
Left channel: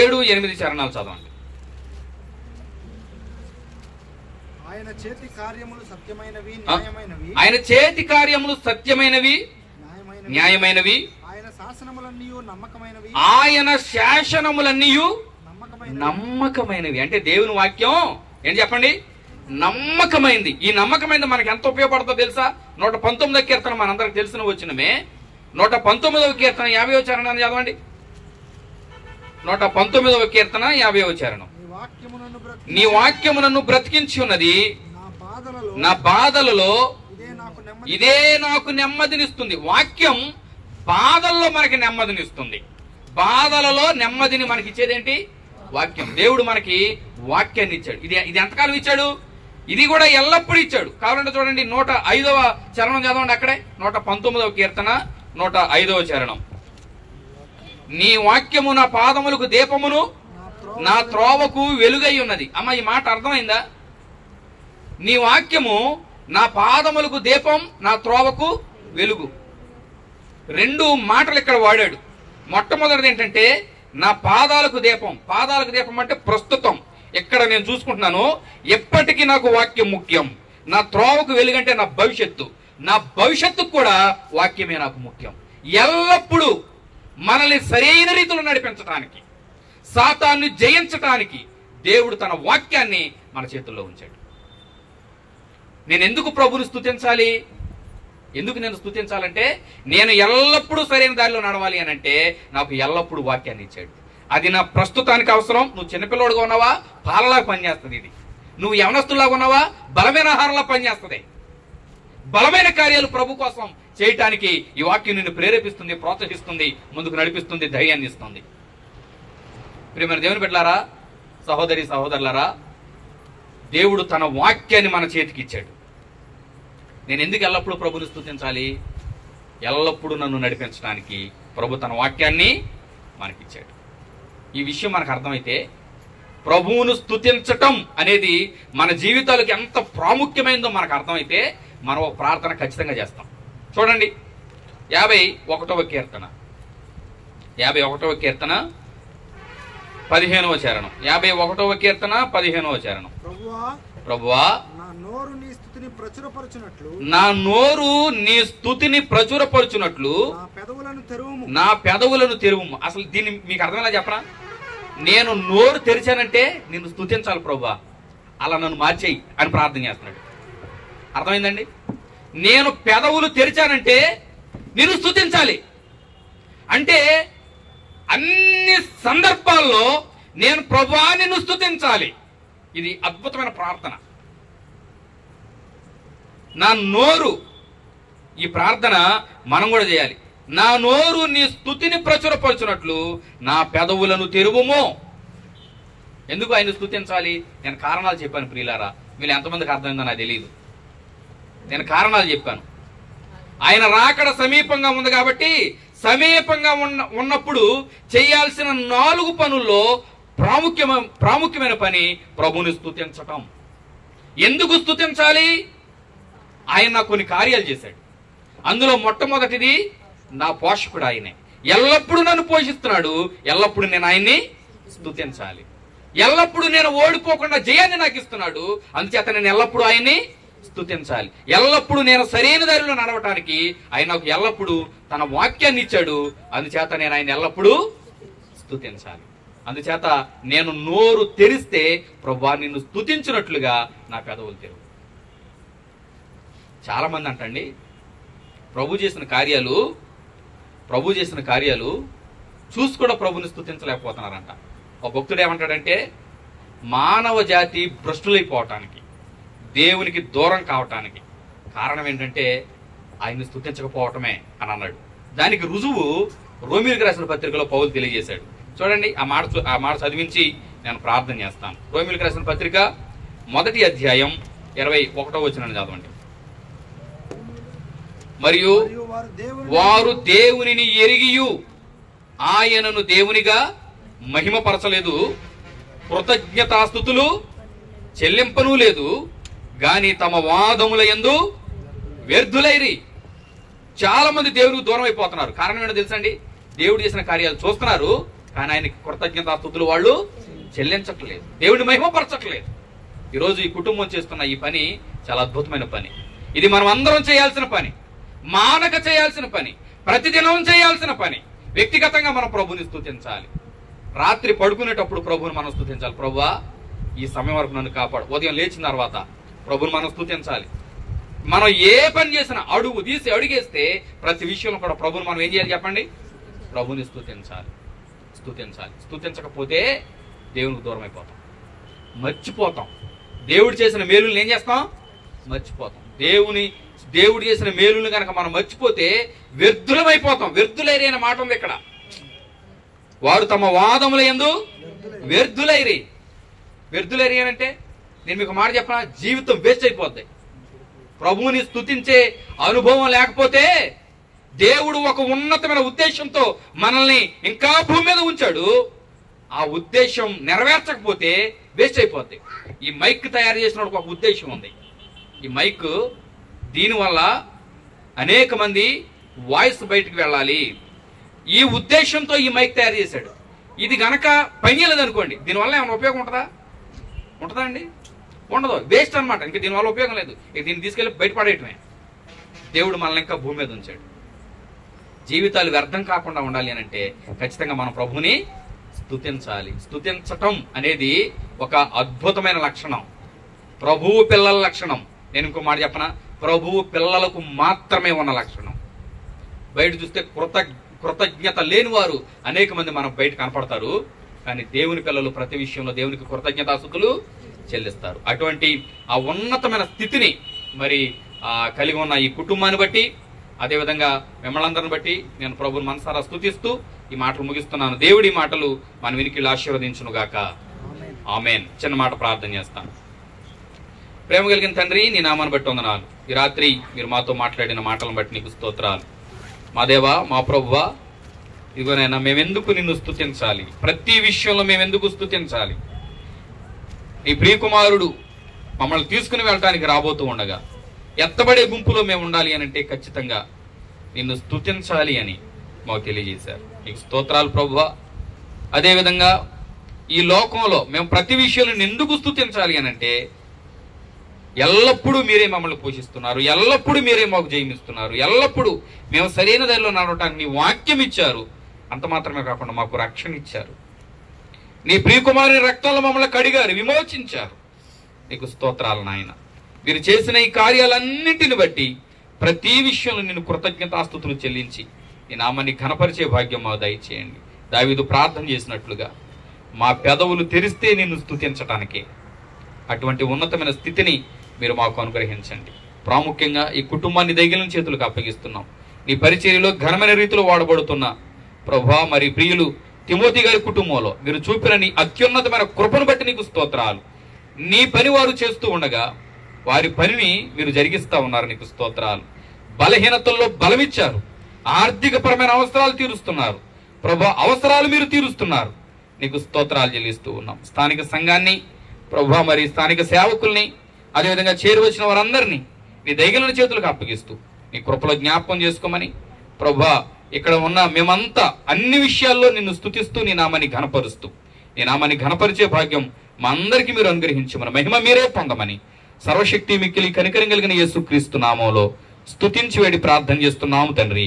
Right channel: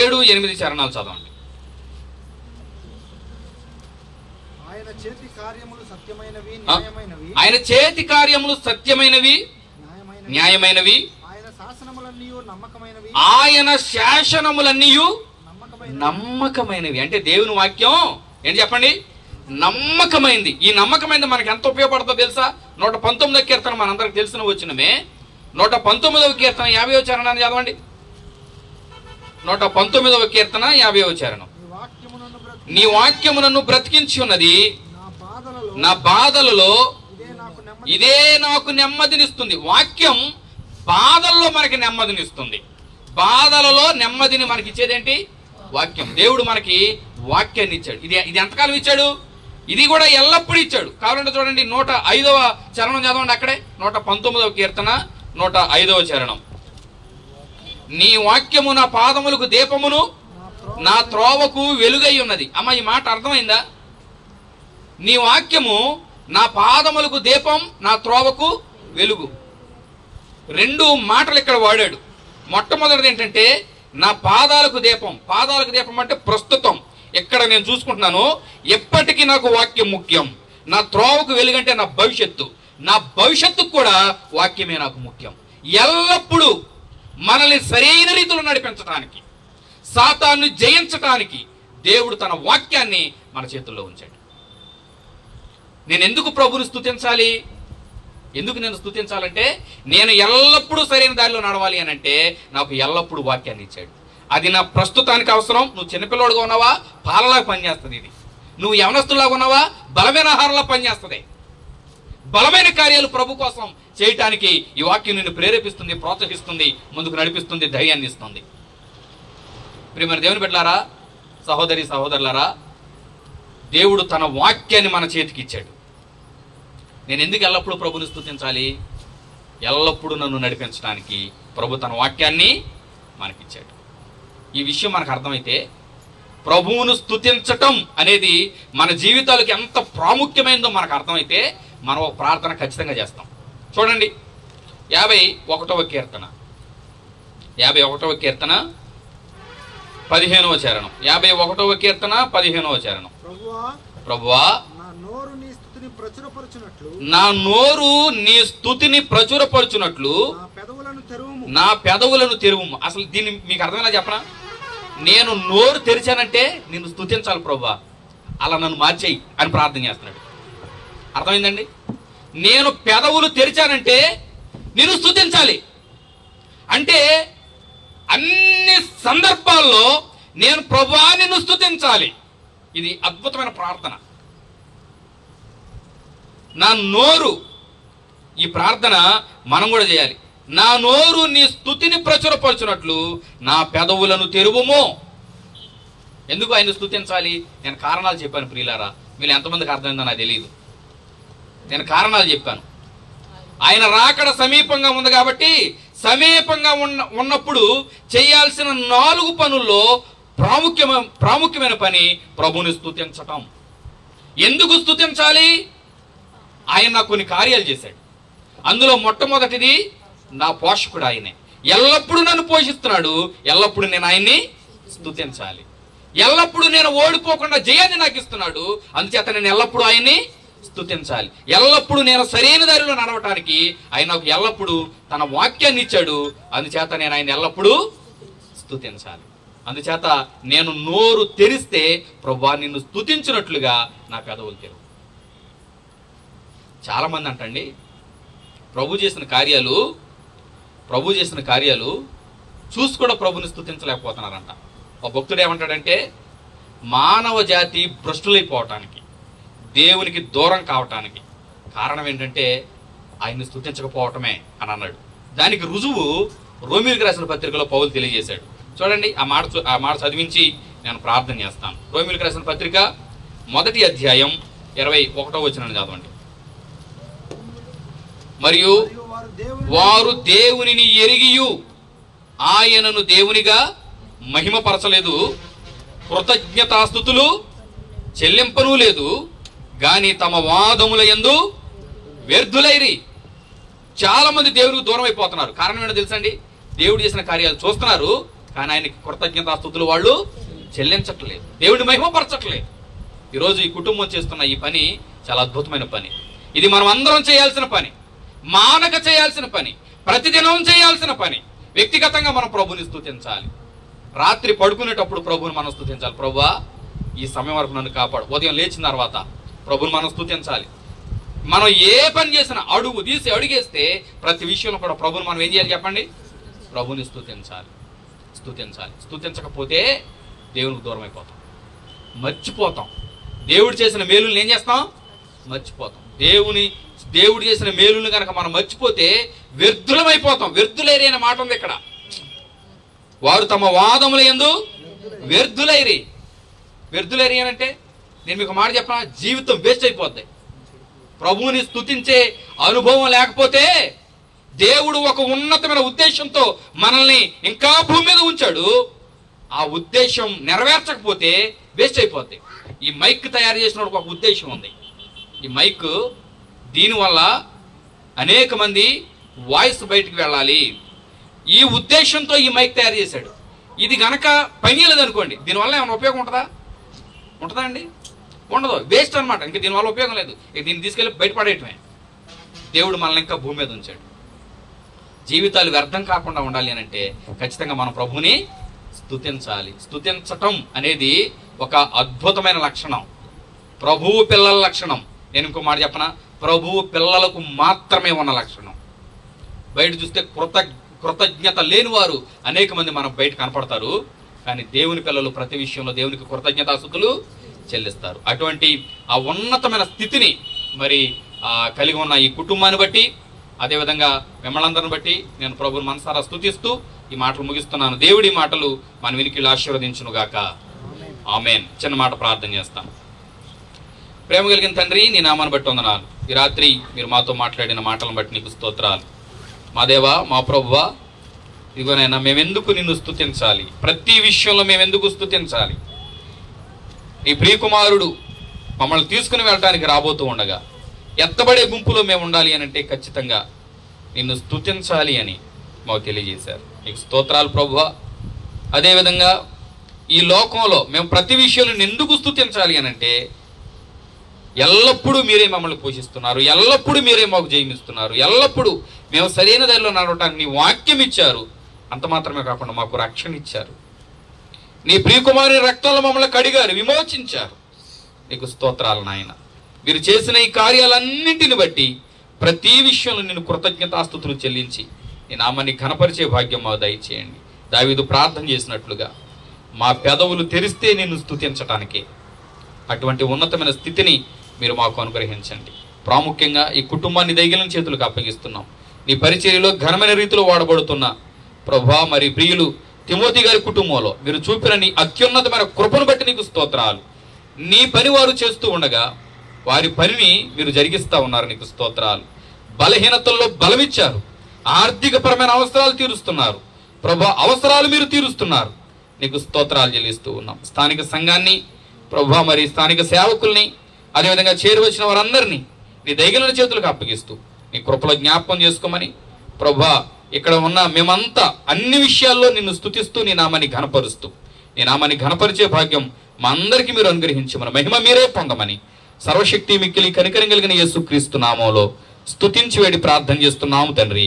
7-8 చరణాలు చదవండి. ఆయన చేతి కార్యములు సత్యమైనవి, ఆయన చేతి కార్యములు సత్యమైనవి, న్యాయమైనవి. ఆయన శాసనములన్నీ నమ్మకమైనవి, ఆయన శాసనములన్నీ నమ్మకమైనవి. అంటే దేవుని వాక్యం ఏంటి చెప్పండి? నమ్మకమైంది. ఈ నమ్మకమైనది మనకి ఎంత ఉపయోగపడుతుందో తెలుసా? 119వ కీర్తన మనందరికి తెలిసిన వచ్చినమే. 119వ కీర్తన 50వ చరణాన్ని చదవండి. 119వ కీర్తన 50వ చరణం. నీ వాక్యము నన్ను బ్రతికించి ఉన్నది, నా బాధలలో ఇదే నాకు నెమ్మదినిస్తుంది. వాక్యం బాధల్లో మనకి నెమ్మదినిస్తుంది. బాధలలో నెమ్మదిని మనకి ఇచ్చేదేంటి? వాక్యం. దేవుడు మనకి వాక్యాన్ని ఇచ్చాడు. ఇది ఎంతకాలం ఇచ్చాడు? ఇది కూడా ఎల్లప్పుడూ ఇచ్చాడు. కావాలంటే చూడండి 105వ చరణం చదవండి, అక్కడే 119వ కీర్తన 105వ చరణం. నీ వాక్యము నా పాదములకు దీపమును నా త్రోవకు వెలుగై ఉన్నది. అమ్మ, ఈ మాట అర్థమైందా? నీ వాక్యము నా పాదములకు దీపం, నా త్రోవకు వెలుగు. 2 మాటలు ఇక్కడ వాడాడు. మొట్టమొదటిది ఏంటంటే నా పాదాలకు దీపం. పాదాలకు దీపం అంటే ప్రస్తుతం ఇక్కడ నేను చూసుకుంటున్నాను, ఎప్పటికీ నాకు వాక్యం ముఖ్యం. నా త్రోవకు వెలుగంటే నా భవిష్యత్తు. నా భవిష్యత్తుకు కూడా వాక్యమే నాకు ముఖ్యం. ఎల్లప్పుడూ మనల్ని సరైన రీతిలో నడిపించడానికి, సాతాన్ని జయించటానికి దేవుడు తన వాక్యాన్ని మన చేతుల్లో ఉంచాడు. నేను ఎందుకు ప్రభువుని స్తుతించాలి? ఎందుకు నేను స్తుతించాలంటే నేను ఎల్లప్పుడూ సరైన దారిలో నడవాలి అని అంటే నాకు ఎల్లప్పుడూ వాక్యాన్ని ఇచ్చాడు. అది నా ప్రస్తుతానికి అవసరం. నువ్వు చిన్నపిల్లోడుగా ఉన్నావా, పాలలాగా పనిచేస్తుంది. ఇది నువ్వు యవనస్తులాగా ఉన్నావా, బలమైన ఆహారంలా పనిచేస్తుంది. బలమైన కార్యాలు ప్రభు కోసం చేయటానికి ఈ వాక్యం నిన్ను ప్రేరేపిస్తుంది, ప్రోత్సహిస్తుంది, ముందుకు నడిపిస్తుంది, ధైర్యాన్ని ఇస్తుంది. ప్రియమైన దేవుని బిడ్డలారా, సహోదరి సహోదరులారా, దేవుడు తన వాక్యాన్ని మన చేతికి ఇచ్చాడు. నేను ఎందుకు ఎల్లప్పుడూ ప్రభుని స్తుతించాలి? ఎల్లప్పుడూ నన్ను నడిపించడానికి ప్రభు తన వాక్యాన్ని మనకిచ్చాడు. ఈ విషయం మనకు అర్థమైతే ప్రభువును స్తుతించటం అనేది మన జీవితాలకు ఎంత ప్రాముఖ్యమైనదో మనకు అర్థమైతే మనం ఒక ప్రార్థన ఖచ్చితంగా చేస్తాం. చూడండి 51వ కీర్తన 51వ కీర్తన 15వ చరణం. 51వ కీర్తన 15వ చరణం. ప్రభువా, నా నోరు నీ స్తుతిని ప్రచురపరచునట్లు నా పెదవులను తెరువు. అసలు దీన్ని మీకు అర్థమైనా చెప్పనా? నేను నోరు తెరిచానంటే నిన్ను స్తుతించాలి ప్రభువా, అలా నన్ను మార్చేయి అని ప్రార్థన చేస్తున్నాడు. అర్థమైందండి? నేను పెదవులు తెరిచానంటే నిన్ను స్తుతించాలి అంటే అన్ని సందర్భాల్లో నేను ప్రభువా నిన్ను స్తుతించాలి. ఇది అద్భుతమైన ప్రార్థన. నా నోరు, ఈ ప్రార్థన మనం కూడా చేయాలి. నా నోరు నీ స్తుతిని ప్రచురపరచునట్లు నా పెదవులను తెరువుమో. ఎందుకు ఆయన స్తుతించాలి? నేను కారణాలు చెప్పాను ప్రియులారా. మీరు ఎంతమందికి అర్థమైందో నాకు తెలియదు. నేను కారణాలు చెప్పాను. ఆయన రాకడ సమీపంగా ఉంది కాబట్టి సమీపంగా ఉన్నప్పుడు చేయాల్సిన 4 పనుల్లో ప్రాముఖ్యమైన పని ప్రభువుని స్తుతించటం. ఎందుకు స్తుతించాలి? ఆయన నాకు కొన్ని కార్యాలు చేశాడు. అందులో మొట్టమొదటిది నా పోషకుడు ఆయనే. ఎల్లప్పుడూ నన్ను పోషిస్తున్నాడు. ఎల్లప్పుడూ నేను ఆయన్ని స్తుతించాలి. ఎల్లప్పుడూ నేను ఓడిపోకుండా జయాన్ని నాకు ఇస్తున్నాడు. అందుచేత నేను ఎల్లప్పుడూ ఆయన్ని స్తుతించాలి. ఎల్లప్పుడూ నేను సరైన దారిలో నడవటానికి ఆయన నాకు ఎల్లప్పుడూ తన వాక్యాన్ని ఇచ్చాడు. అందుచేత నేను ఆయన ఎల్లప్పుడూ స్తుతించాలి. అందుచేత నేను నోరు తెరిస్తే ప్రభువా నిన్ను స్తుతించినట్లుగా నా పెదవులు తెరువు. చాలా మంది అంటండి ప్రభు చేసిన కార్యాలు చూసి కూడా ప్రభుని స్తుతించలేకపోతున్నారంట. ఒక భక్తుడు ఏమంటాడంటే మానవ జాతి భ్రష్టులైపోవటానికి, దేవునికి దూరం కావటానికి కారణం ఏంటంటే ఆయన్ని స్తుతించకపోవటమే అని అన్నాడు. దానికి రుజువు రోమీయులకు రాసిన పత్రికలో పౌలు తెలియజేశాడు. చూడండి, ఆ మాట చదివించి నేను ప్రార్థన చేస్తాను. రోమీయులకు రాసిన పత్రిక 1వ అధ్యాయం 21వ వచనాన్ని చదవండి. మరియు వారు దేవునిని ఎరిగియు ఆయనను దేవునిగా మహిమపరచలేదు, కృతజ్ఞతాస్తుతులు చెల్లింపను లేదు, గాని తమ వాదముల యందు వ్యర్థులైరి. చాలా మంది దేవునికి దూరం అయిపోతున్నారు. కారణం ఏంటో తెలుసండి? దేవుడు చేసిన కార్యాలు చూస్తున్నారు, కానీ ఆయనకి కృతజ్ఞతాస్తుతులు వాళ్ళు చెల్లించట్లేదు, దేవుడిని మహిమపరచట్లేదు. ఈరోజు ఈ కుటుంబం చేస్తున్న ఈ పని చాలా అద్భుతమైన పని. ఇది మనం అందరం చేయాల్సిన పని, మానక చేయాల్సిన పని, ప్రతిదినం చేయాల్సిన పని. వ్యక్తిగతంగా మనం ప్రభుని స్తుతించాలి. రాత్రి పడుకునేటప్పుడు ప్రభుని మనం స్తుతించాలి. ప్రభువా ఈ సమయం వరకు నన్ను కాపాడు. ఉదయం లేచిన తర్వాత ప్రభుని మనం స్తుతించాలి. మనం ఏ పని చేసినా అడుగు తీసి అడిగేస్తే ప్రతి విషయంలో కూడా ప్రభుని మనం ఏం చేయాలి చెప్పండి? ప్రభుని స్తుతించాలి. స్తుతించకపోతే దేవునికి దూరం అయిపోతాం, మర్చిపోతాం. దేవుడు చేసిన మేలుని ఏం చేస్తాం? మర్చిపోతాం. దేవుడు చేసిన మేలుని కనుక మనం మర్చిపోతే వ్యర్థులమైపోతాం. వ్యర్థులైరి అనే మాట ఉంది ఇక్కడ. వారు తమ వాదముల యందు వ్యర్థులైరి. వ్యర్థులైరి అంటే నేను మీకు మాట చెప్పనా, జీవితం వేస్ట్ అయిపోద్ది. ప్రభువుని స్తుతించే అనుభవం లేకపోతే, దేవుడు ఒక ఉన్నతమైన ఉద్దేశంతో మనల్ని ఇంకా భూమి మీద ఉంచాడు, ఆ ఉద్దేశం నెరవేర్చకపోతే వేస్ట్ అయిపోద్ది. ఈ మైక్ తయారు చేసిన ఒక ఉద్దేశం ఉంది. ఈ మైక్ దీనివల్ల అనేక మంది వాయిస్ బయటికి వెళ్ళాలి, ఈ ఉద్దేశంతో ఈ మైక్ తయారు చేశాడు. ఇది గనక పనిచేయలేదు అనుకోండి, దీనివల్ల ఏమైనా ఉపయోగం ఉంటుందా అండి? ఉండదు, వేస్ట్ అనమాట. ఇంకా దీనివల్ల ఉపయోగం లేదు. ఇక దీన్ని తీసుకెళ్ళి బయటపడేయటమే. దేవుడు మనల్ని ఇంకా భూమి మీద ఉంచాడు. జీవితాలు వ్యర్థం కాకుండా ఉండాలి అని అంటే ఖచ్చితంగా మనం ప్రభువుని స్తుతించాలి. స్తుతించటం అనేది ఒక అద్భుతమైన లక్షణం, ప్రభువు పిల్లల లక్షణం. నేను ఇంకో మాట చెప్పనా, ప్రభువు పిల్లలకు మాత్రమే ఉన్న లక్షణం. బయట చూస్తే కృతజ్ఞత లేని వారు అనేక మంది మనం బయట కనపడతారు, కానీ దేవుని పిల్లలు ప్రతి విషయంలో దేవునికి కృతజ్ఞతాస్తుతులు చెల్లిస్తారు. అటువంటి ఆ ఉన్నతమైన స్థితిని మరి కలిగి ఉన్న ఈ కుటుంబాన్ని బట్టి, అదేవిధంగా మిమ్మల్ని అందరిని బట్టి నేను ప్రభువుని మనసారా స్తుతిస్తూ ఈ మాటలు ముగిస్తున్నాను. దేవుడి మాటలు మన వినికిళ్ళు ఆశీర్వదించును గాక. ఆమేన్. చిన్న మాట ప్రార్థన చేస్తాను. ప్రేమ కలిగిన తండ్రి, నీ నామాన్ని బట్టి వందనాలు. ఈ రాత్రి మీరు మాతో మాట్లాడిన మాటలను బట్టి నీకు స్తోత్రాలు. మా దేవా, మా ప్రభువా, ఇదిగోనైనా మేమెందుకు నిన్ను స్తుతించాలి? ప్రతి విషయంలో మేమెందుకు స్తుతించాలి? నీ ప్రియకుమారుడు మమ్మల్ని తీసుకుని వెళ్ళటానికి రాబోతూ ఉండగా ఎత్తబడే గుంపులో మేము ఉండాలి అని అంటే ఖచ్చితంగా నిన్ను స్తుతించాలి అని మాకు తెలియజేశారు. నీకు స్తోత్రాలు ప్రభువా. అదేవిధంగా ఈ లోకంలో మేము ప్రతి విషయంలో ఎందుకు స్తుతించాలి అని అంటే, ఎల్లప్పుడూ మీరే మమ్మల్ని పోషిస్తున్నారు, ఎల్లప్పుడూ మీరే మాకు జయమిస్తున్నారు, ఎల్లప్పుడూ మేము సరైన దారిలో నడవటానికి నీ వాక్యం ఇచ్చారు. అంత మాత్రమే కాకుండా మాకు రక్షణ ఇచ్చారు. నీ ప్రియకుమారుని రక్తంలో మమ్మల్ని కడిగారు, విమోచించారు. నీకు స్తోత్రాలు నాయన. మీరు చేసిన ఈ కార్యాలన్నింటిని బట్టి ప్రతి విషయంలో నేను కృతజ్ఞతాస్తుతులు చెల్లించి నీ నామాన్ని ఘనపరిచే భాగ్యం మాకు దయచేయండి. దావీదు ప్రార్థన చేసినట్లుగా మా పెదవులు తెరిస్తే నిన్ను స్తుతించటానికే అటువంటి ఉన్నతమైన స్థితిని మీరు మాకు అనుగ్రహించండి. ప్రాముఖ్యంగా ఈ కుటుంబాన్ని దైగిలిన చేతులకు అప్పగిస్తున్నాం. నీ పరిచర్యలో ఘనమైన రీతిలో వాడబడుతున్న ప్రభువా, మరి ప్రియులు తిమోతి గారి కుటుంబంలో మీరు చూపిన నీ అత్యున్నతమైన కృపను బట్టి నీకు స్తోత్రాలు. నీ పని వారు చేస్తూ ఉండగా వారి పనిని మీరు జరిగిస్తా ఉన్నారు. నీకు స్తోత్రాలు. బలహీనతల్లో బలమిచ్చారు, ఆర్థికపరమైన అవసరాలు తీరుస్తున్నారు ప్రభా, అవసరాలు మీరు తీరుస్తున్నారు. నీకు స్తోత్రాలు చెల్లిస్తూ ఉన్నాం. స్థానిక సంఘాన్ని ప్రభా, మరి స్థానిక సేవకుల్ని, అదేవిధంగా చేరువచ్చిన వారందరినీ నీ దయగలిగిన చేతులకు అప్పగిస్తూ నీ కృపలో జ్ఞాపకం చేసుకోమని ప్రభా, ఇక్కడ ఉన్న మేమంతా అన్ని విషయాల్లో నిన్ను స్తుతిస్తూ నీ నామాన్ని ఘనపరుస్తూ నీ నామాన్ని ఘనపరిచే భాగ్యం మా అందరికీ మీరు అనుగ్రహించమని, మహిమ మీరే పొందమని సర్వశక్తి మిక్కిలి కనికరం కలిగిన యేసుక్రీస్తు నామములో స్తుతించి వేడి ప్రార్థన చేస్తున్నాము తండ్రి.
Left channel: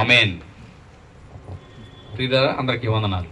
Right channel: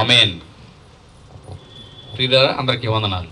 ఆమేన్. ప్రియులారా, అందరికీ వందనాలు.